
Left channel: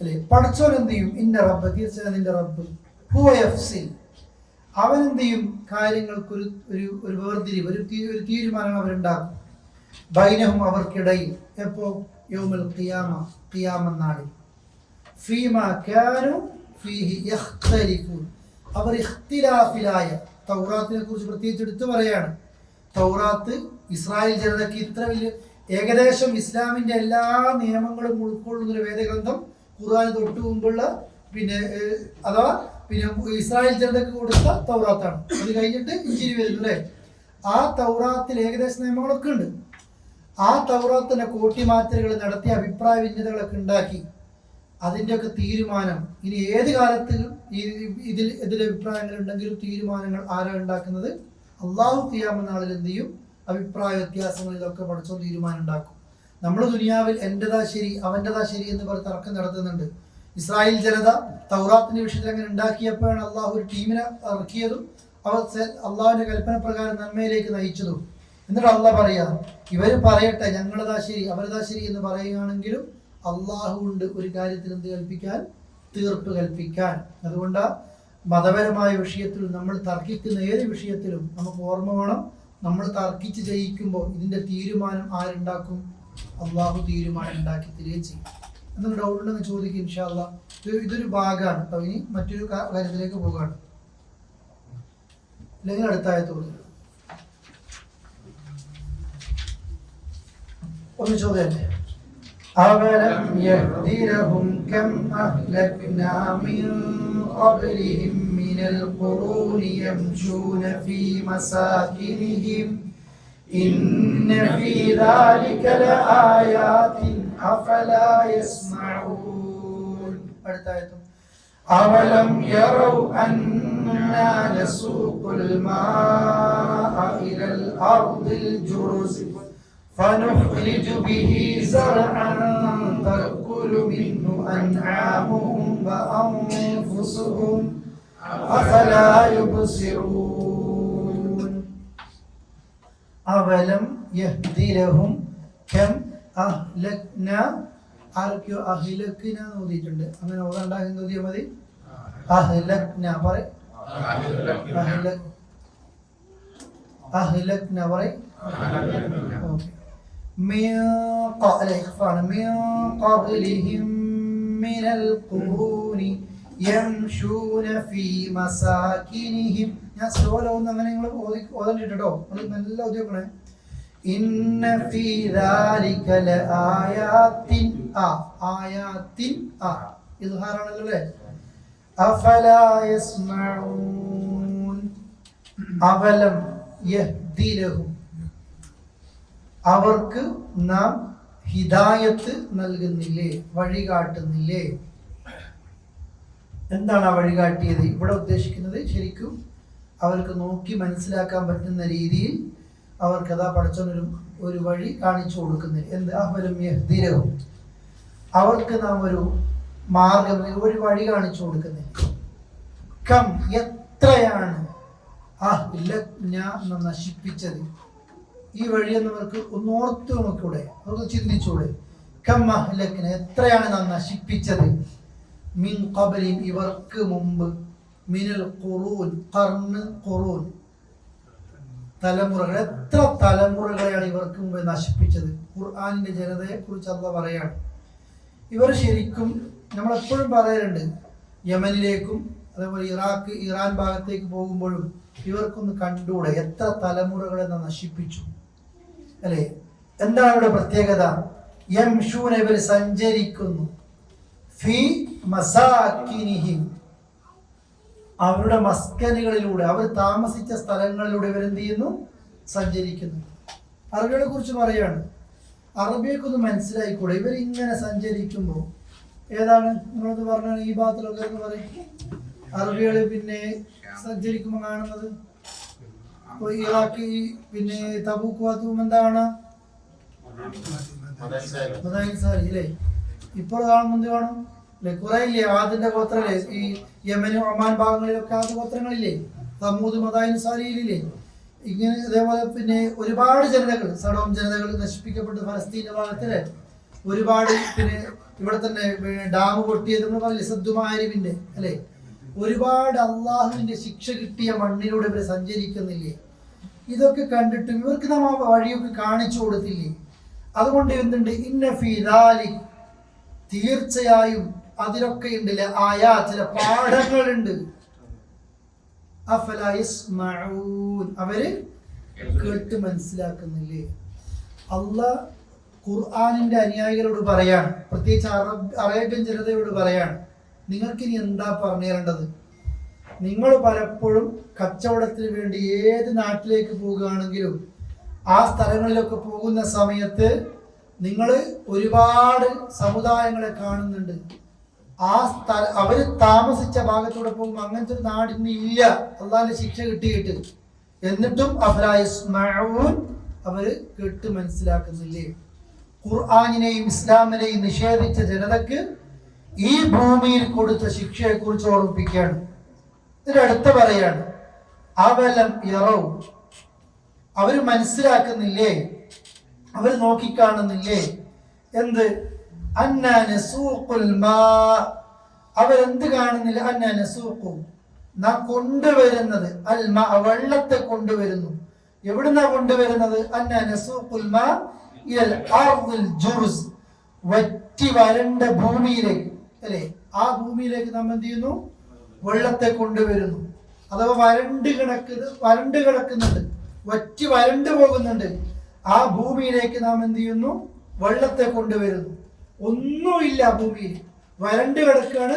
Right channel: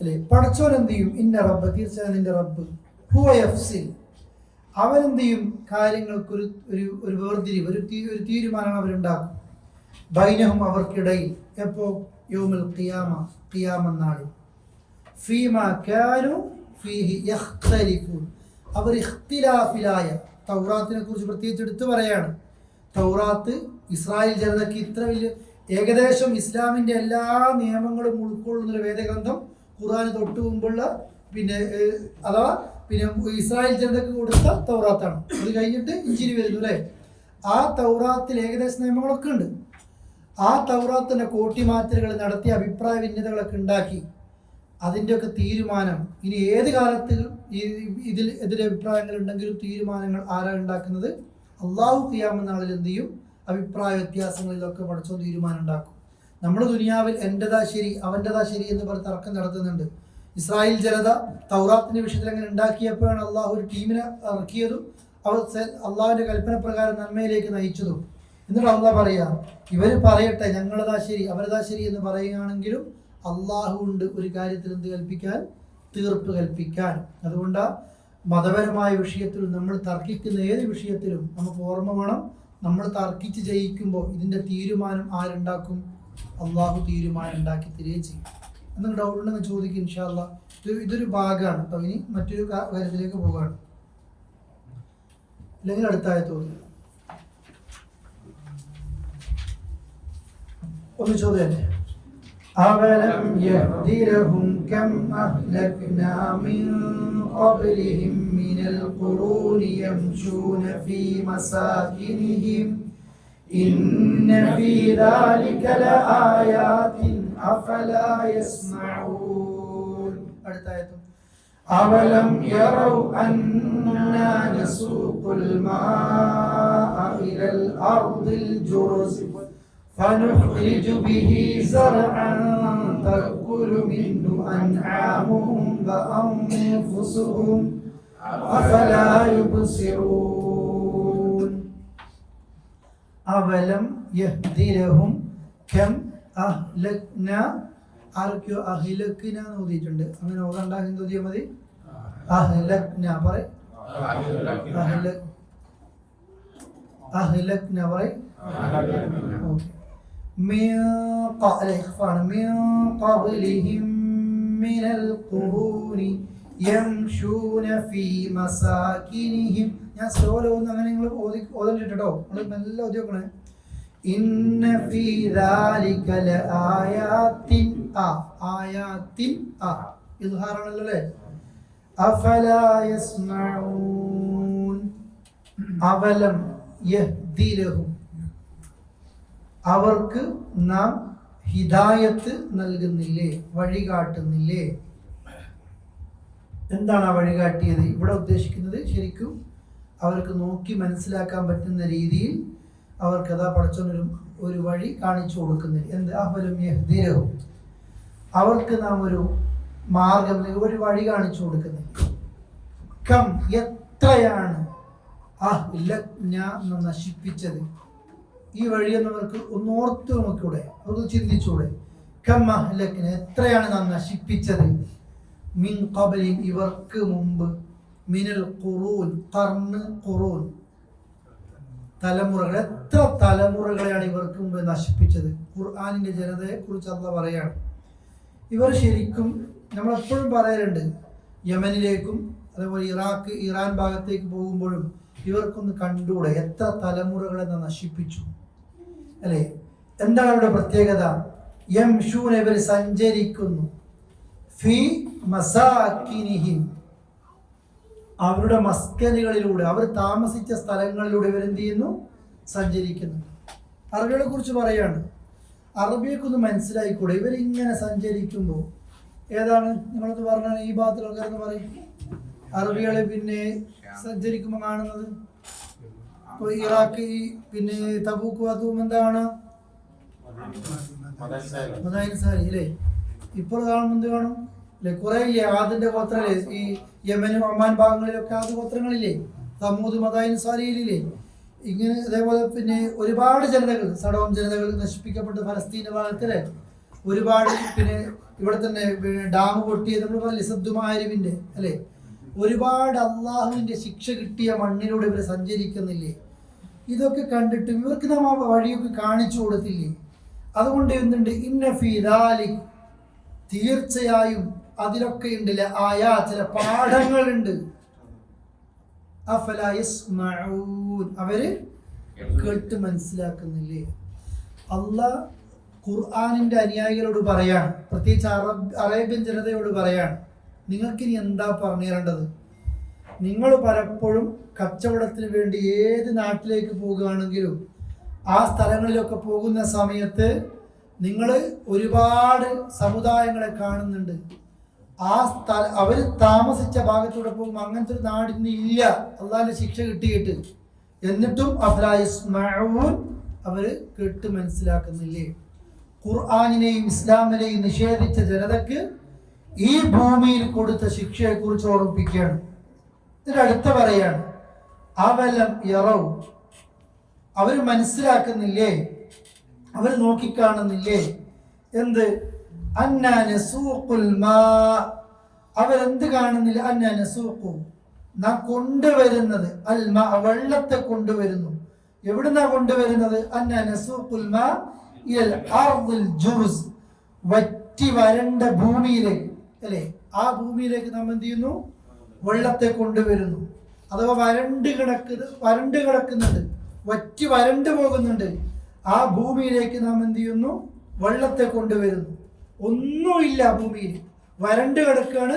അല്ലെ. പഠിച്ചവൻ എന്ത് ചെയ്യും? ഇന്ന റബ്ബ് തീർച്ചയായും നിന്റെ റബ്ബ് ഹുവ യഫ്സിൽ അവൻ എന്ത് ചെയ്യും? കാര്യങ്ങൾക്കൊരു ഒരു വേർതിരിവ്, ഒരു തീരുമാനം അവരുണ്ടാക്കും. ബൈനഹും അവർക്കിടയിൽ. എപ്പോ? യൗമുൽ ഖിയാമ, ഖിയാമ നാളിൽ. ഫീമാ കാനൂ ഫീഹി യഖ്തലിഫൂൻ അവർ ഇഖ്തിലാഫിലായ. തൗറാത്തിനെ കുറിച്ച് പ്രത്യേകിച്ച് എടുത്തു പറയാണ്. തൗറാത്ത് ഇസ്രായേൽ ജനതയ്ക്ക് ഇത്ര വലിയ ഏകദേശം ഇസ്ലാമിന്റെ എല്ലാ നിയമങ്ങളും ഉൾക്കൊള്ളുന്നൊരു വേദഗ്രന്ഥം ഖുർആന് തൊട്ട് മുമ്പുള്ള അഥവാ ഇസ്രായേൽ ജനതയ്ക്ക് കൊടുത്ത തൗറാത്താണ്. അത് കഴിഞ്ഞിട്ട് ഇഞ്ചിൽ വരുന്നു അല്ലേ. ആ തൗറാത്തിൽ ഏകദേശ നിയമങ്ങളൊക്കെ ഉണ്ട്. ആ തൗറാത്തിൻ്റെ കോട്ടിമാറ്റലുകൾ നടത്തി അഭിപ്രായ ഭിന്നതകളൊക്കെ ഉണ്ടാക്കി അതിൻ്റെയൊക്കെ തീരുമാനം ഇനി ഏത് കാലത്ത് ഇതിൽ എതിരഭിപ്രായങ്ങൾ ഉണ്ടെങ്കിലും തീരുമാനങ്ങൾ ആരാ ഉണ്ടാക്കുന്നത്? അള്ളാഹു ഖിയാമ നാളിൽ എന്ത് ചെയ്യും? അഭിപ്രായ വ്യത്യാസങ്ങളിലൊക്കെ പഠിച്ചോ തീരുമാനം ഉണ്ടാക്കും. നമ്മൾ ദുനിയാവിൽ എൻ്റെതാ ശരി അവൻ്റെതാ ശരി എന്ന് പറഞ്ഞ് തർക്കം നടത്തുന്നുണ്ട്. ഇസ്രായേൽ ജനത തൗറാത്തിന്റെ വിഷയത്തിൽ അങ്ങനെ ഉണ്ടാക്കിയപ്പോഴാണ് അള്ളാഹു ഒരു ടീമിനെ ഇറക്കിയതും അവർ അള്ളാഹുവിന്റെ കൽപ്പന പ്രകാരം നന്മയിലേക്ക് നയിച്ചതും. എന്നിട്ട് അള്ളാഹ് പറയാ, ഇവർ പറയട്ടെ ഞങ്ങളതാ ശരി അവരതാ ശരി എന്ന് പറയുകയാണെങ്കിലും അള്ളാഹു ഉണ്ട് ഒരു കാര്യത്തിൽ എന്ത് കൽപ്പിക്കാൻ? തീർപ്പ് കൽപ്പിക്കാൻ. അതുകൊണ്ട് മതപരമായ വിഷയത്തിൽ നമ്മൾ തർക്കിക്കുന്ന ഏത് വിഷയത്തിലും നമുക്ക് ഓർമ്മ വേണം, നമ്മൾ തർക്കിച്ച് ജയിക്കുമ്പോൾ ഇതിന്റെ തീരുമാനം ആരുണ്ടാക്കും? അള്ളാഹു തീരുമാനം ഉണ്ടാക്കി തരികയും ചെയ്യും. എന്തെങ്കിലും ഡൗട്ട് ഉണ്ടെങ്കിൽ ചോദിക്കും ഇൻഷാ അല്ലാഹ്. ഇതൊരു ഭാഗമാണ് കേട്ടോ. ഇനി മറ്റൊരു കാര്യത്തിലേക്ക് പോകാണ്. അല്ലെങ്കിൽ അടുത്തായ തോന്നുന്നു ഒന്ന് ചോദ്യം. أَوَلَمْ يَهْدِ لَهُمْ كَمْ أَهْلَكْنَا مِنْ قَبْلِهِمْ مِنَ الْقُرُونِ يَمْشُونَ فِي مَسَاكِنِهِمْ إِنَّ فِي ذَلِكَ لَآيَاتٍ أَفَلَا يَسْمَعُونَ. أَوَلَمْ يَرَوْا أَنَّا نَسُوقُ الْمَاءَ إِلَى الْأَرْضِ الْجُرُزِ فَنُخْرِجُ بِهِ زَرْعًا تَأْكُلُ مِنْهُ أَنْعَامُهُمْ وَأَنْفُسُهُمْ أَفَلَا يُبْصِرُونَ. أَوَلَمْ يَهْدِ لَهُمْ كَمْ أَهْلَكْنَا. ആരൊക്കെയോ അഹ്ലക്ന എന്ന് ഓതിയിട്ടുണ്ട്. അങ്ങനെ ഓതാണ്ടാക്കി ഓതിയാൽ മതി. അഹ്ലക്ന പറ. അഹ്ലക്ന പറ. من قبلهم من القرون يمشون في مساكنهم. ഞാൻ സ്ലോലോ ഒന്ന് അങ്ങനെ നിങ്ങൾ ഓതണ്ടിട്ടോ, നിങ്ങൾ നല്ല ഓതി നോക്കണേ. ഇന്ന ഫീ ദാലിക ലആയാത്തിൻ. ആയാത്തിൻ ഇദ്ഹാറാണല്ലോ അല്ലേ. അഫലാ യസ്മഊൻ. അവലം യഹ്ദി ലഹും അവർക്ക് നാം ഹിദായത്ത് നൽകുന്നില്ലേ, വഴി കാട്ടുന്നില്ലേ? എന്താണ് ആ വഴി കാട്ടിയത്? ഇവിടെ ഉദ്ദേശിക്കുന്നത് ശരിക്കും അവർക്ക് നോക്കി മനസ്സിലാക്കാൻ പറ്റുന്ന രീതിയിൽ അവർക്ക് അതാ ഒരു വഴി കാണിച്ചു കൊടുക്കുന്നില്ല. എന്ത്? അവരും യഹ്ദിലഹും അവർക്ക് നാം ഒരു മാർഗം, ഒരു വഴി കാണിച്ചു കൊടുക്കുന്നില്ല. കം എത്രയാണ് ഞാൻ നശിപ്പിച്ചത്. ഈ വഴിയെന്ന് അവർക്ക് ഒന്ന് ഓർത്തു നോക്കൂടെ, അവർക്ക് ചിന്തിച്ചൂടെ? കമ്മഹ്ലക്കിനെ എത്രയാണ് നാം നശിപ്പിച്ചത്. മിൻ ഖബലിൻ ഇവർക്ക് മുമ്പ്, മിനൽ ഖുറൂൻ ഖുറൂൻ തലമുറകൾ, എത്ര തലമുറകളെയാണ് ഇവർക്ക് മുമ്പ് നശിപ്പിച്ചത്. ഖുർആനിന്റെ ജനതയെ കുറിച്ച് അല്ലാഹ് പറയാണ്. ഇവർ ശരിക്കും നമ്മളെപ്പോഴും പറയലുണ്ട്, യമനിലേക്കും അതേപോലെ ഇറാഖ് ഇറാൻ ഭാഗത്തേക്ക് പോകുമ്പോഴും ഇവർക്കൊന്ന് കണ്ടൂടെ എത്ര തലമുറകളെ നശിപ്പിച്ചു അല്ലെ? എന്താണ് അവരുടെ പ്രത്യേകത? യംശൂന, ഇവർ സഞ്ചരിക്കുന്നു, ഫീ മസാകിനിഹിം, അവരുടെ മസ്കനുകളിലൂടെ, അവർ താമസിച്ച സ്ഥലങ്ങളിലൂടെ ഇവരെന്ത് ചെയ്യുന്നു? സഞ്ചരിക്കുന്നു. അറബികളെ കുറിച്ച് പറയാണ്, അറബിയൊക്കെ മനസ്സിലായിക്കൂടെ? ഇവരിങ്ങനെ സഞ്ചരിക്കുമ്പോൾ ഏതാണ് നിങ്ങളൊന്ന് പറഞ്ഞാൽ ഈ ഭാഗത്തിലൊക്കെ എന്ന് പറയും. അറബികള് പിന്നെ സഞ്ചരിക്കുമ്പോൾ കാണുന്നത് ഇപ്പോൾ ഇറാഖ് പിന്നെ തബൂക്ക് ഭാഗത്തും എന്താണ് അല്ലേ? ഇപ്പോൾ കാണുമ്പോൾ എന്ത് കാണും അല്ലെ? കുറെ ഇല്ലേ ആദിന്റെ ഗോത്രല്ലേ? ഈ യമനും ഒമാൻ ഭാഗങ്ങളിലൊക്കെ ആദ്യ ഗോത്രങ്ങളില്ലേ? സമൂദ് മദായിൻ സാലിയിലില്ലേ? ഇങ്ങനെ ഇതേപോലെ പിന്നെ ഒരുപാട് ജനതകൾ, സഡോം ജനതകൾ നശിപ്പിക്കപ്പെട്ട് ഫലസ്തീൻ ഭാഗത്തില് ഒരുപാട്, പിന്നെ ഇവിടെ തന്നെ ഡാം പൊട്ടിയത് നമ്മൾ പറയില്ലേ സദ്ദുമാരിവിന്റെ അല്ലെ? ഒരുപാട് അള്ളാഹുവിന്റെ ശിക്ഷ കിട്ടിയ മണ്ണിലൂടെ ഇവർ സഞ്ചരിക്കുന്നില്ലേ? ഇതൊക്കെ കണ്ടിട്ട് ഇവർക്ക് നാം ആ വഴിയൊക്കെ കാണിച്ചു കൊടുത്തില്ലേ? അതുകൊണ്ട് എന്തുണ്ട്? ഇന്ന ഫീ ദാലിക്, തീർച്ചയായും അതിലൊക്കെ ഉണ്ടല്ല ആയാ ചില പാഠങ്ങളുണ്ട്. അഫലാ യസ്മഊൻ, അവര് കേട്ട് മനസ്സിലാക്കുന്നില്ലേ? അള്ളാഹ് ഖുർആനിന്റെ അനുയായികളോട് പറയാണ്, പ്രത്യേകിച്ച് അറേബ്യൻ ജനതയോട് പറയാണ്, നിങ്ങൾക്കിനി എന്താ പറഞ്ഞു തരേണ്ടത്? നിങ്ങൾ പലപ്പോഴും കച്ചവടത്തിന് വേണ്ടി ഏത് നാട്ടിലേക്ക് പോകുകയാണെങ്കിലും ആ സ്ഥലങ്ങളിലൊക്കെ പോകുന്ന സമയത്ത് നിങ്ങൾ ഒരുപാട് സമുദായങ്ങളെ കാണുന്നുണ്ട്. ആ അവർ താമസിച്ച ഭാഗത്തൂടെ പോകുമ്പോൾ അങ്ങനത്തെ ഒരു നാടിന് ഇല്ല, അള്ളാഹിന്റെ ശിക്ഷ കിട്ടിയിട്ട്. എന്നിട്ടും അഫലാ യസ്മഊൻ, അവര് കേട്ട് മനസ്സിലാക്കുന്നില്ലേ? ഖുർആനിനെയും ഇസ്ലാമിനെയും നിഷേധിച്ച ജനതക്ക് ഈ ഭൂമിയിൽ കൊടുത്ത ശിക്ഷയെ കുറിച്ച് ഓർമ്മിപ്പിക്കുകയാണ്. ഇതിന്റെ അടുത്ത പറയാണ്, അവലം യറൗ, അവര് മനസ്സിലാക്കുന്നില്ലേ, അവർ നോക്കിക്കാണുന്നില്ലേ? എന്ത്? അന്നാ നസൂഖുൽ മാ, അവരെന്ത് കാണുന്നില്ല? അന്നാ നസൂഖു, നാം കൊണ്ടുവരുന്നത്, അൽ മാ, വെള്ളത്തെ കൊണ്ടുവരുന്നു. എവിടുന്നാ കൊണ്ടുവരുന്നത്? അന്നാ നസൂഖുൽ മാ ഇലൽ അർദിൽ ജുർസ്, വറ്റി വരണ്ട ഭൂമിയിലേക്ക് അല്ലെ? ആ ഭൂമിയിലേക്ക് നാം എന്ത് ചെയ്യുന്നു? വെള്ളത്തെ കൊണ്ടുവരുന്നു. അഥവാ വരണ്ട് കിടക്കുന്നുണ്ട്, വറ്റി വരണ്ടു പോകുന്നുണ്ട്. ആ ഭൂമിയിലേക്ക് നാം എന്ത് ചെയ്യുന്നു? വെള്ളത്തെ കൊണ്ടുവരുന്നു. ഒന്നുമില്ല ഭൂമിയിൽ, വരണ്ട് കിടക്കാണ്,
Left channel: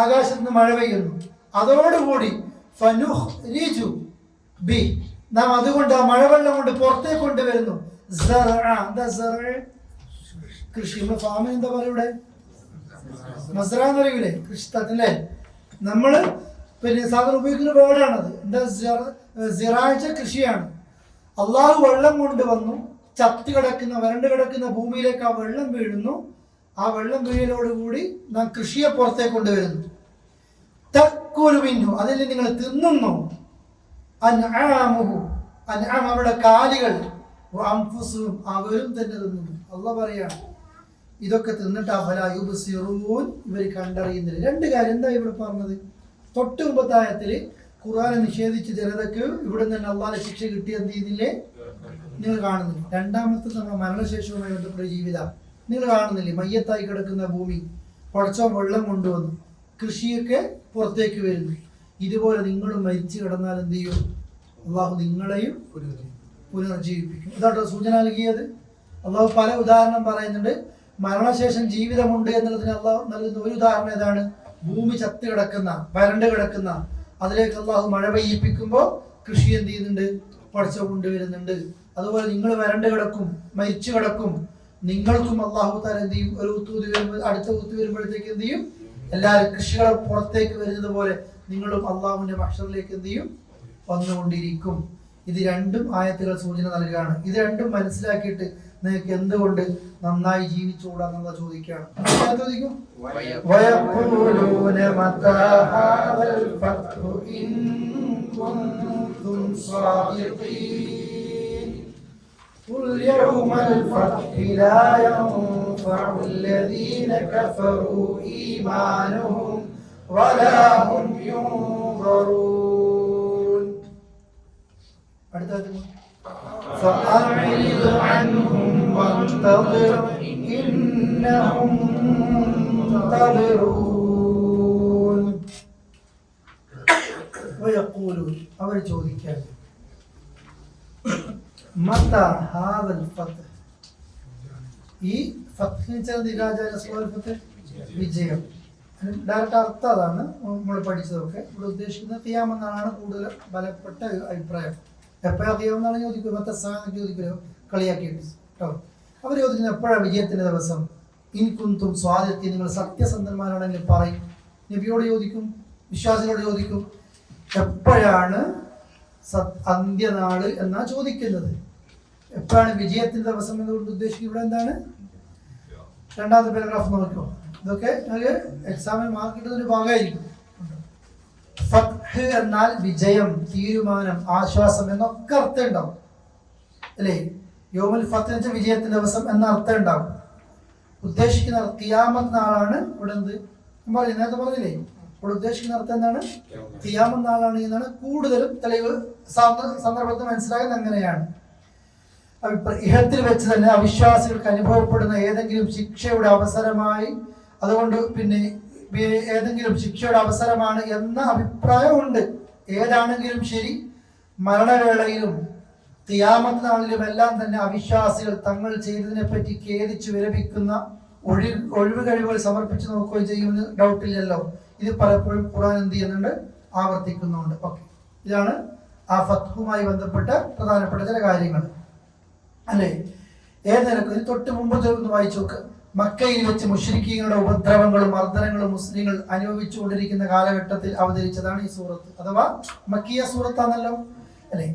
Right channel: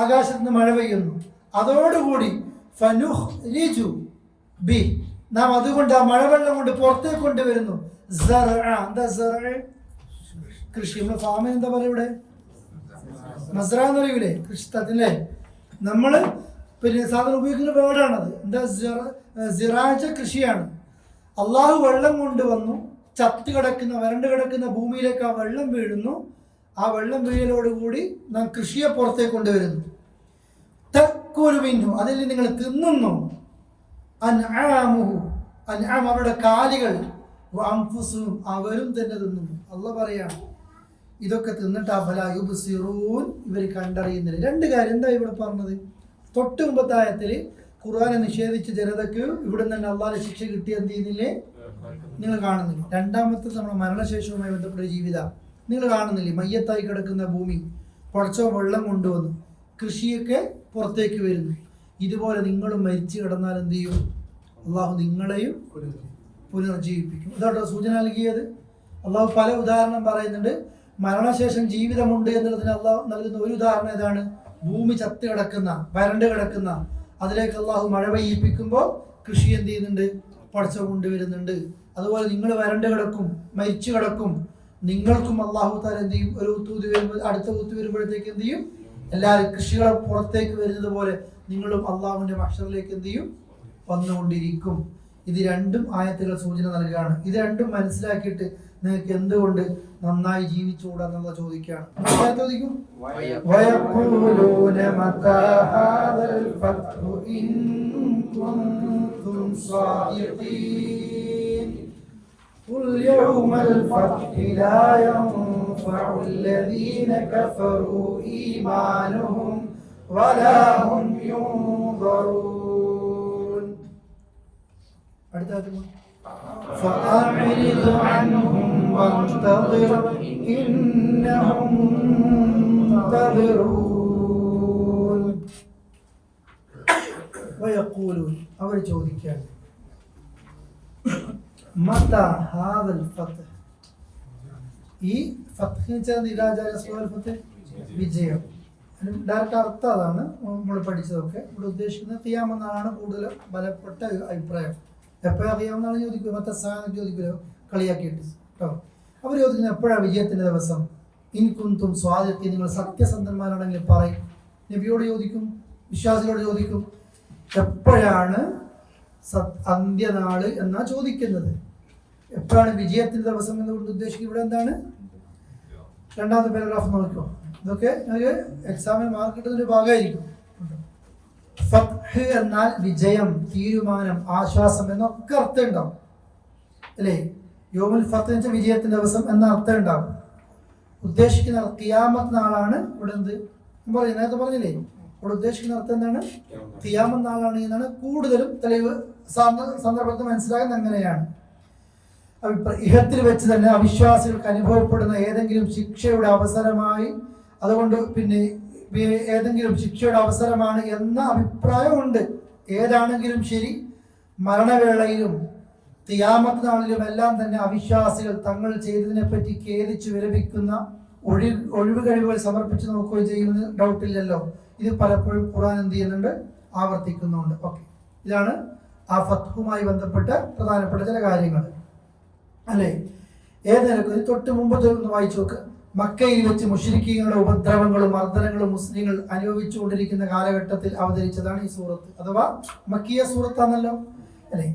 ആകാശത്ത് നിന്ന് മഴ പെയ്യുന്നു. അതോടുകൂടി ഫനുഖ്രിജു ബി, നാം അതുകൊണ്ട് ആ മഴവെള്ളം കൊണ്ട് പുറത്തേക്ക് കൊണ്ടുവരുന്നു. എന്താ കൃഷി? നമ്മൾ ഫാമിന് എന്താ പറയുക ഇവിടെ? മസ്റ എന്ന് പറയൂലേ? കൃഷിത്തല്ലേ? നമ്മള് പിന്നെ സാധാരണ ഉപയോഗിക്കുന്ന വേർഡാണത്. എന്താ? സിറാജ, കൃഷിയാണ്. അള്ളാഹു വെള്ളം കൊണ്ടുവന്നു, ചത്തി കിടക്കുന്ന വരണ്ട് കിടക്കുന്ന ഭൂമിയിലേക്ക് ആ വെള്ളം വീഴുന്നു. ആ വെള്ളം വീഴലോടുകൂടി നാം കൃഷിയെ പുറത്തേക്ക് കൊണ്ടുവരുന്നു. തക്കുലുമിന്നു, അതിൽ നിങ്ങൾ തിന്നുന്നു. അൻആമുഹു, അൻആം അവരുടെ കാലികൾ, അൻഫുസുഹും അവരും തന്നെ തിന്നുന്നു. അള്ളാഹ് പറയാണ്, ഇതൊക്കെ തിന്നിട്ട് അഫലാ യുബ്സിറൂൻ, ഇവർ കണ്ടറിയുന്നില്ല. രണ്ട് കാര്യം എന്താ ഇവിടെ പറഞ്ഞത്? തൊട്ട് മുമ്പത്തെ ആയത്തിൽ ഖുർആനെ നിഷേധിച്ച ജനതയ്ക്ക് ഇവിടെ തന്നെ അള്ളാഹിന്റെ ശിക്ഷ കിട്ടിയെന്ത് ചെയ്യുന്നില്ലേ? നിങ്ങൾ കാണുന്നില്ല. രണ്ടാമത്തെ നമ്മുടെ മരണശേഷവുമായി ബന്ധപ്പെട്ട ജീവിതം നിങ്ങൾ കാണുന്നില്ലേ? മയ്യത്തായി കിടക്കുന്ന ഭൂമി പടച്ചോ വെള്ളം കൊണ്ടുവന്നു, കൃഷിയൊക്കെ പുറത്തേക്ക് വരുന്നു. ഇതുപോലെ നിങ്ങളും മരിച്ചു കിടന്നാൽ എന്ത് ചെയ്യും? അള്ളാഹു നിങ്ങളെയും പുനർജീവിപ്പിക്കും. ഇതാട്ടോ സൂചന നൽകിയത്. അള്ളാഹു പല ഉദാഹരണം പറയുന്നുണ്ട്. മരണശേഷം ജീവിതമുണ്ട് എന്നുള്ളതിന് അള്ളാഹു നൽകുന്ന ഒരു ഉദാഹരണം ഏതാണ്? ഭൂമി ചത്ത് കിടക്കുന്ന, വരണ്ട് കിടക്കുന്ന, അതിലേക്ക് അള്ളാഹു മഴ പെയ്യിപ്പിക്കുമ്പോൾ കൃഷി എന്ത് ചെയ്യുന്നുണ്ട്? പടച്ചു കൊണ്ടുവരുന്നുണ്ട്. അതുപോലെ നിങ്ങൾ വരണ്ട് കിടക്കും, മരിച്ചു കിടക്കും, നിങ്ങൾക്കും അള്ളാഹു താല എന്ത് ചെയ്യും? ഒരു ഊത്തൂതി വരുമ്പോൾ, അടുത്ത ഊത്ത് വരുമ്പോഴത്തേക്ക് എന്ത് ചെയ്യും? എല്ലാവരും കൃഷികളെ പുറത്തേക്ക് വരുന്നത് പോലെ നിങ്ങളും അള്ളാഹുവിന്റെ മഹ്ശറിലേക്ക് എന്ത് ചെയ്യും? വന്നുകൊണ്ടിരിക്കും. ഇത് രണ്ടും ആയത്തുകൾ സൂചന നൽകുകയാണ്. ഇത് രണ്ടും മനസ്സിലാക്കിയിട്ട് നിങ്ങൾക്ക് എന്തുകൊണ്ട് നന്നായി ജീവിച്ചുകൂടാന്നുള്ള ചോദിക്കുകയാണ്. ചോദിക്കും വയഖൂലൂന മതാ ഹാദൽ ഫത്ഹു ഇൻ കുൻതും സ്വാദിഖീൻ ഖുൽ യൗമൽ ഫത്ഹി ലാ الذين كفروا إيمانهم ولا هم ينظرون. فأعرض عنهم وانتظر إنهم منتظرون. ويقولون അവർ ചോദിക്കുകയാണ് متى هذا الفتح. ഈ വിജയം ഡയറക്റ്റ് അർത്ഥം അതാണ് നമ്മൾ പഠിച്ചതൊക്കെ. ഇവിടെ ഉദ്ദേശിക്കുന്നത് ഖിയാമെന്നാണ് കൂടുതൽ ബലപ്പെട്ട അഭിപ്രായം. എപ്പോഴാണ് ഖിയാമെന്നാണ് ചോദിക്കുക, മറ്റേ സാധനം ചോദിക്കുമല്ലോ കളിയാക്കിയിട്ട് കേട്ടോ. അവർ ചോദിക്കുന്നത് എപ്പോഴാണ് വിജയത്തിന്റെ ദിവസം. ഇൻ കുന്തും സ്വാദിഖീൻ, നിങ്ങൾ സത്യസന്ധന്മാരാണെങ്കിൽ പറയും. നബിയോട് ചോദിക്കും, വിശ്വാസികളോട് ചോദിക്കും എപ്പോഴാണ് അന്ത്യനാള് എന്നാ ചോദിക്കുന്നത്. എപ്പോഴാണ് വിജയത്തിന്റെ ദിവസം എന്നുകൊണ്ട് ഉദ്ദേശിക്കുന്നത്. ഇവിടെ എന്താണ് രണ്ടാമത്തെ പാരഗ്രാഫ് നോക്കിക്കോ. ഇതൊക്കെ എക്സാമിന് മാർക്ക് കിട്ടുന്നൊരു ഭാഗമായിരിക്കും. ഫത്ഹ് എന്നാൽ വിജയം, തീരുമാനം, ആശ്വാസം എന്നൊക്കെ അർത്ഥം ഉണ്ടാവും അല്ലേ. യൗമുൽ ഫത്ഹ് എന്ന് വെച്ചാൽ വിജയത്തിന്റെ ദിവസം എന്ന അർത്ഥം ഉണ്ടാവും. ഉദ്ദേശിക്കുന്ന ഖിയാമത്ത് നാളാണ് ഇവിടെ എന്ത് പറഞ്ഞു, നേരത്തെ പറഞ്ഞില്ലേ. ഇവിടെ ഉദ്ദേശിക്കുന്ന അർത്ഥം എന്താണ്, ഖിയാമത്ത് നാളാണ് എന്നാണ് കൂടുതലും തെളിവ് സന്ദർഭത്തിൽ മനസ്സിലാകുന്നത്. അങ്ങനെയാണ് ഇഹത്തിൽ വെച്ച് തന്നെ അവിശ്വാസികൾക്ക് അനുഭവപ്പെടുന്ന ഏതെങ്കിലും ശിക്ഷയുടെ അവസരമായി, അതുകൊണ്ട് പിന്നെ ഏതെങ്കിലും ശിക്ഷയുടെ അവസരമാണ് എന്ന അഭിപ്രായമുണ്ട്. ഏതാണെങ്കിലും ശരി, മരണവേളയിലും ഖിയാമത്ത് നാളിലും എല്ലാം തന്നെ അവിശ്വാസികൾ തങ്ങൾ ചെയ്തതിനെ പറ്റി ഖേദിച്ചു വിലപിക്കുന്ന ഒഴിവ് കഴിവുകൾ സമർപ്പിച്ചു നോക്കുകയും ചെയ്യുന്ന ഡൗട്ടില്ലല്ലോ. ഇത് പലപ്പോഴും ഖുർആൻ എന്ത് ചെയ്യുന്നുണ്ട്, ആവർത്തിക്കുന്നുണ്ട്. ഓക്കെ, ഇതാണ് ആ ഫത്ഹുമായി ബന്ധപ്പെട്ട പ്രധാനപ്പെട്ട ചില കാര്യങ്ങൾ അല്ലേ. ഏതെങ്കിലും തൊട്ട് മുമ്പ് ഒന്ന് വായിച്ചു നോക്ക്. മക്കയിൽ വെച്ച് മുശ്രിക്കീങ്ങളുടെ ഉപദ്രവങ്ങളും മർദ്ദനങ്ങളും മുസ്ലിങ്ങൾ അനുഭവിച്ചുകൊണ്ടിരിക്കുന്ന കാലഘട്ടത്തിൽ അവതരിച്ചതാണ് ഈ സൂറത്ത്. അഥവാ മക്കിയ സൂറത്താണല്ലോ അല്ലെ.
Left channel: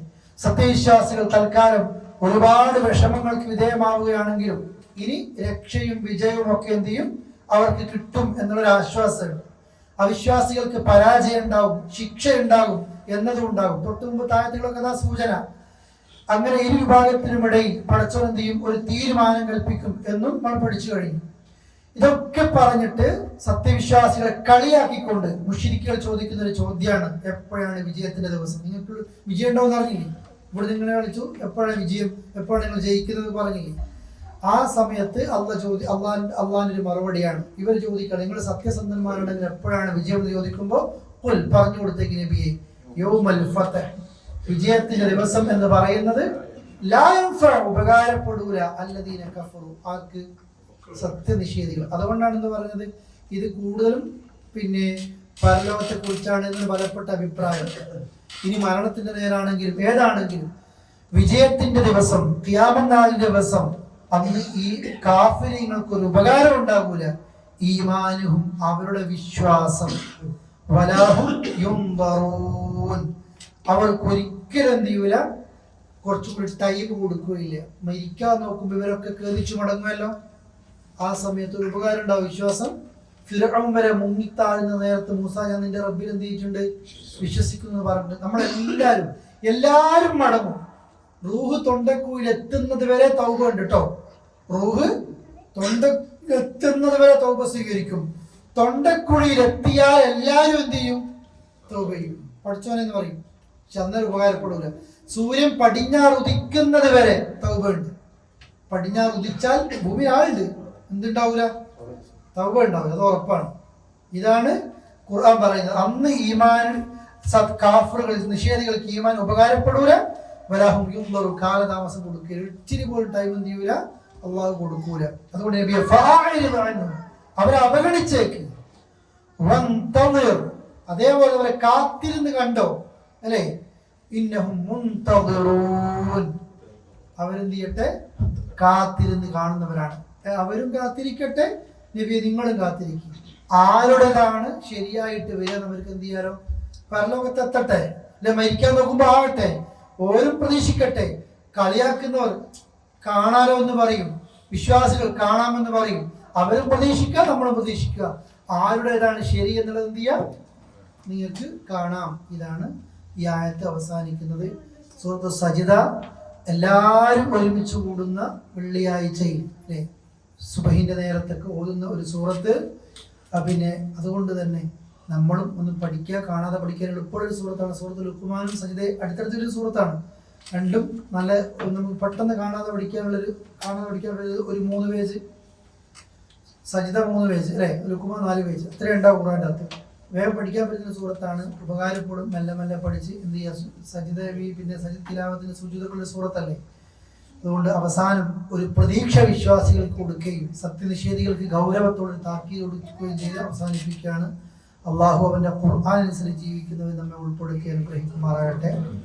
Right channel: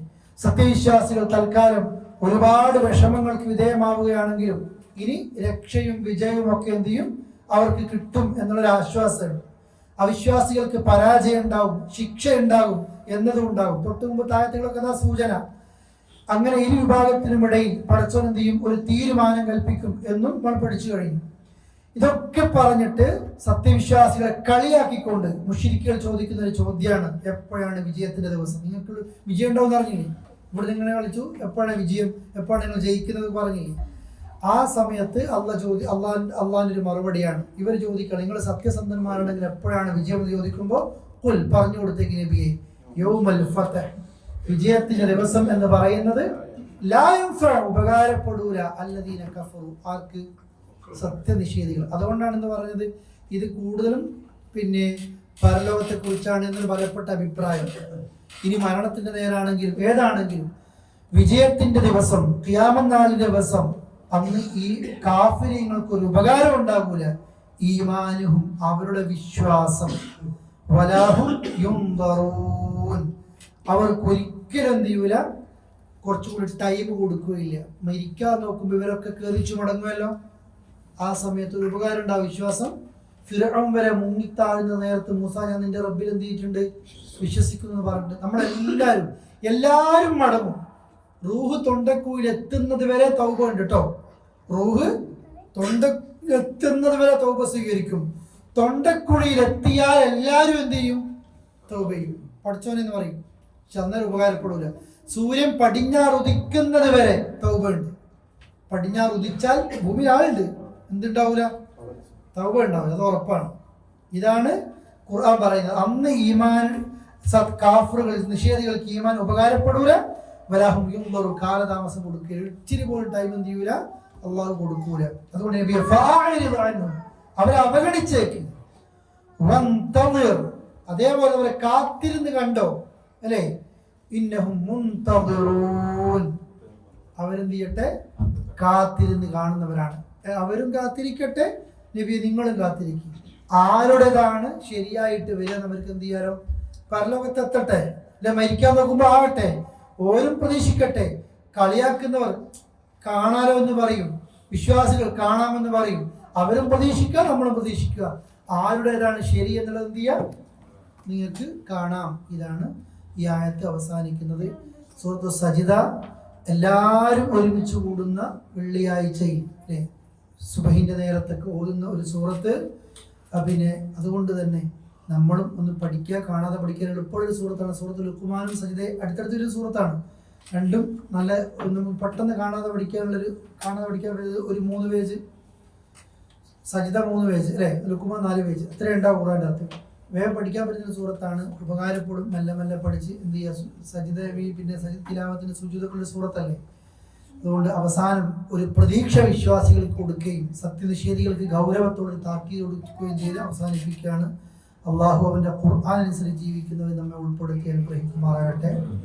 സത്യവിശ്വാസികൾ തൽക്കാലം ഒരുപാട് വിഷമങ്ങൾക്ക് വിധേയമാവുകയാണെങ്കിലും ഇനി രക്ഷയും വിജയവും ഒക്കെ എന്ത് ചെയ്യും, അവർക്ക് കിട്ടും എന്നുള്ളൊരു ആശ്വാസമുണ്ട്. അവിശ്വാസികൾക്ക് പരാജയം ഉണ്ടാവും, ശിക്ഷ ഉണ്ടാകും എന്നതും ഉണ്ടാകും. തൊട്ട് മുമ്പ് താഴത്തുകളൊക്കെ അതാ സൂചന. അങ്ങനെ ഇരു വിഭാഗത്തിനുമിടയിൽ പടച്ചോൻ എന്ത് ചെയ്യും, ഒരു തീരുമാനം കൽപ്പിക്കും എന്നും നമ്മൾ പഠിച്ചു കഴിഞ്ഞു. ഇതൊക്കെ പറഞ്ഞിട്ട് സത്യവിശ്വാസികളെ കളിയാക്കിക്കൊണ്ട് മുശ്രിക്കുകൾ ചോദിക്കുന്ന ഒരു ചോദ്യമാണ്, എപ്പോഴാണ് വിജയത്തിന്റെ ദിവസം. നിങ്ങൾക്ക് വിജയം ഉണ്ടാവും അറിഞ്ഞില്ലേ. ഇവിടെ നിങ്ങളെ കളിച്ചു, എപ്പോഴാണ് വിജയം, എപ്പോഴാണ് നിങ്ങൾ ജയിക്കുന്നത് പറഞ്ഞില്ലേ. ആ സമയത്ത് അള്ളാഹിന്റെ ഒരു മറുപടിയാണ് ഇവർ ചോദിക്കണം. നിങ്ങൾ സത്യസന്ധന്മാരാണെങ്കിൽ എപ്പോഴാണ് വിജയം എന്ന് ചോദിക്കുമ്പോൾ ഖുൽ പറഞ്ഞു കൊടുത്തേക്ക് നബിയെ, യൗമുൽ ഫത്ഹ്, വിജയത്തിന്റെ ദിവസം എന്ന് പറയുന്നത് ലാ യൻഫഉ, ഉപകാരപ്പെടൂല, അല്ലദീന കഫറു, ആർക്ക്, സത്യനിഷേധികൾ. അതുകൊണ്ടാണ് എന്ന് പറഞ്ഞത്. ഇത് കൂടുതലും പിന്നെ പരലോകത്തെ കുറിച്ചാണ് എന്നൊരു ബലപ്പെട്ട അഭിപ്രായം. ഇനി മരണത്തിന്റെ നേരാണെങ്കിലും ഏതാണെങ്കിലും വിജയത്തിന്റെ ദിവസം, ഖിയാമത്ത് നാളിന്റെ ദിവസം, അന്ന് ഈ കാഫിരീങ്ങൾക്ക് ഒരു ഉപകാരം ഉണ്ടാകൂല. ഈമാനുഹും, അവരുടെ വിശ്വാസം, വലാഹും യുൻദറൂൻ, അവർക്ക് ഒരിക്കലും എന്ത് ചെയ്യൂല, കുറച്ചുകൂടി ടൈം കൊടുക്കുകയില്ല. മരിക്കാൻ നോക്കുമ്പോൾ ഇവരൊക്കെ കേറിച്ചു മടങ്ങുമല്ലോ. ആ സമയത്ത് ഒരു ഉപകാരം ഉണ്ടാവും, വിശ്വാസം. ഫിർഔൻ വരെ മുങ്ങിത്താഴുന്ന നേരത്ത് മൂസാ, ഞാൻ നിന്റെ റബ്ബിൽ എന്ത് ചെയ്തിട്ടുണ്ട്, വിശ്വസിക്കുന്നു പറഞ്ഞിട്ട് നമ്മളെല്ലാരും മടങ്ങും. റൂഹ് തൊണ്ടക്കുയിൽ എത്തുന്നത് വരെ തൗബ ഉണ്ട് കേട്ടോ. റൂഹ് തൊണ്ടെത്തുന്നത് വരെ തൗബ സ്വീകരിക്കും. തൊണ്ടക്കുഴിയിൽ എത്തിയാൽ എല്ലാരും എന്ത് ചെയ്യും, തൗബ ചെയ്യും. പഠിച്ചോനെന്ന് പറയും, പക്ഷെ അന്നേരം ഉപകാരപ്പെടൂല. സൂര്യൻ പടിഞ്ഞാറ് ഉദിക്കുന്നത് വരെ തൗബ ഉണ്ട്. പടിഞ്ഞാറ് ഉദിച്ചാൽ ഭൂമിയിൽ ആളുണ്ട്, എന്തുണ്ടാവൂല, തൗബ ഉണ്ടാവില്ല, അത് ഉറപ്പാണ്. ഇതാണ് ഖുർആൻ പറയുന്നത്. അന്ന് ഈമാൻ കാഫിറുകൾ, നിഷേധികൾക്ക് ഈമാൻ ഉപകാരപ്പെടൂല. വലാഹും യുൻദറൂൻ, കാലതാമസം കൊടുക്കില്ല, ഇച്ചിരി പോലും ടൈം എന്ത് ചെയ്യൂല, അള്ളാഹു കൊടുക്കൂല. അതുകൊണ്ട് നബിയെ ഫഅഅരിദ് അൻഹും, അവരെ അവഗണിച്ചേക്ക്. വൻതളിർ, അതേപോലെ അവരെ കാത്തിരുന്ന് കണ്ടോ അല്ലേ. ഇന്നഹും മുൻതളിറൂൻ, അവരെന്ത് ചെയ്യട്ടെ, കാത്തിരുന്ന് കാണുന്നവരാണ്. അവരും കാത്തിരിക്കട്ടെ, നബിയെ നിങ്ങളും കാത്തിരിക്കും. ആരുടേതാണ് ശരിയായിട്ട് വരിക, അവർക്ക് എന്ത് ചെയ്യാലോ, പരലോകത്തെത്തട്ടെ അല്ലെ. മരിക്കാൻ നോക്കുമ്പോ ആവട്ടെ, ഓരും പ്രതീക്ഷിക്കട്ടെ. കളിയാക്കുന്നവർ കാണാലോ എന്ന് പറയും, വിശ്വാസികൾ കാണാമെന്ന് പറയും. അവരും പ്രതീക്ഷിക്കുക, നമ്മളും പ്രതീക്ഷിക്കുക. ആരുടേതാണ് ശരി എന്നുള്ളത് എന്ത് ചെയ്യാം, നിങ്ങൾക്ക് കാണാം. ഇതാണ് ഈ ആയത്ത് അവസാനിക്കുന്നത്. സൂറത്ത് സജിദ എല്ലാവരും ഒരുമിച്ച് കൂടുന്ന വെള്ളിയാഴ്ചയിൽ അല്ലേ, സുബഹിന്റെ നേരത്തൊക്കെ ഓതുന്ന ഒരു സൂറത്ത്. പിന്നെ അതുകൊണ്ട് തന്നെ നമ്മളും ഒന്ന് പഠിക്കുക, കാണാതെ പഠിക്കാൻ എളുപ്പമുള്ള ഒരു സൂറത്താണ്. സൂറത്ത് ലുഖ്മാനും സജിദ അടുത്തടുത്തൊരു സൂറത്താണ്. രണ്ടും നല്ല നമുക്ക് പെട്ടെന്ന് കാണാതെ പഠിക്കാൻ ഒരു 3 പേജ്, സജിദ 3 പേജ് അല്ലേ, ലുഖ്മാൻ 4 പേജ്, അത്രയും ഉണ്ടാവും ഖുർആൻ്റെ അകത്ത്. വേഗം പഠിക്കാൻ പറ്റുന്ന സൂറത്താണ്, ഉപകാരപ്പെടും. മെല്ലെ മെല്ലെ പഠിച്ച് എന്ത് ചെയ്യുക, സജിദ പിന്നെ തിലാവത്തിന് സുജൂദൊക്കെയുള്ള സൂറത്തല്ലേ. അതുകൊണ്ട് അവസാനം ഒരു പ്രതീക്ഷ വിശ്വാസികൾക്ക് കൊടുക്കുകയും സത്യനിഷേധികൾക്ക് ഗൗരവത്തോടെ താക്കീത് കൊടുക്കുകയും ചെയ്ത് അവസാനിപ്പിക്കുകയാണ്. അള്ളാഹു അവൻ്റെ ഖുർആൻ അനുസരിച്ച് ജീവിക്കുന്നവർ നമ്മെ ഉൾപ്പെടുത്തി അനുഗ്രഹിക്കുമാറാകട്ടെ.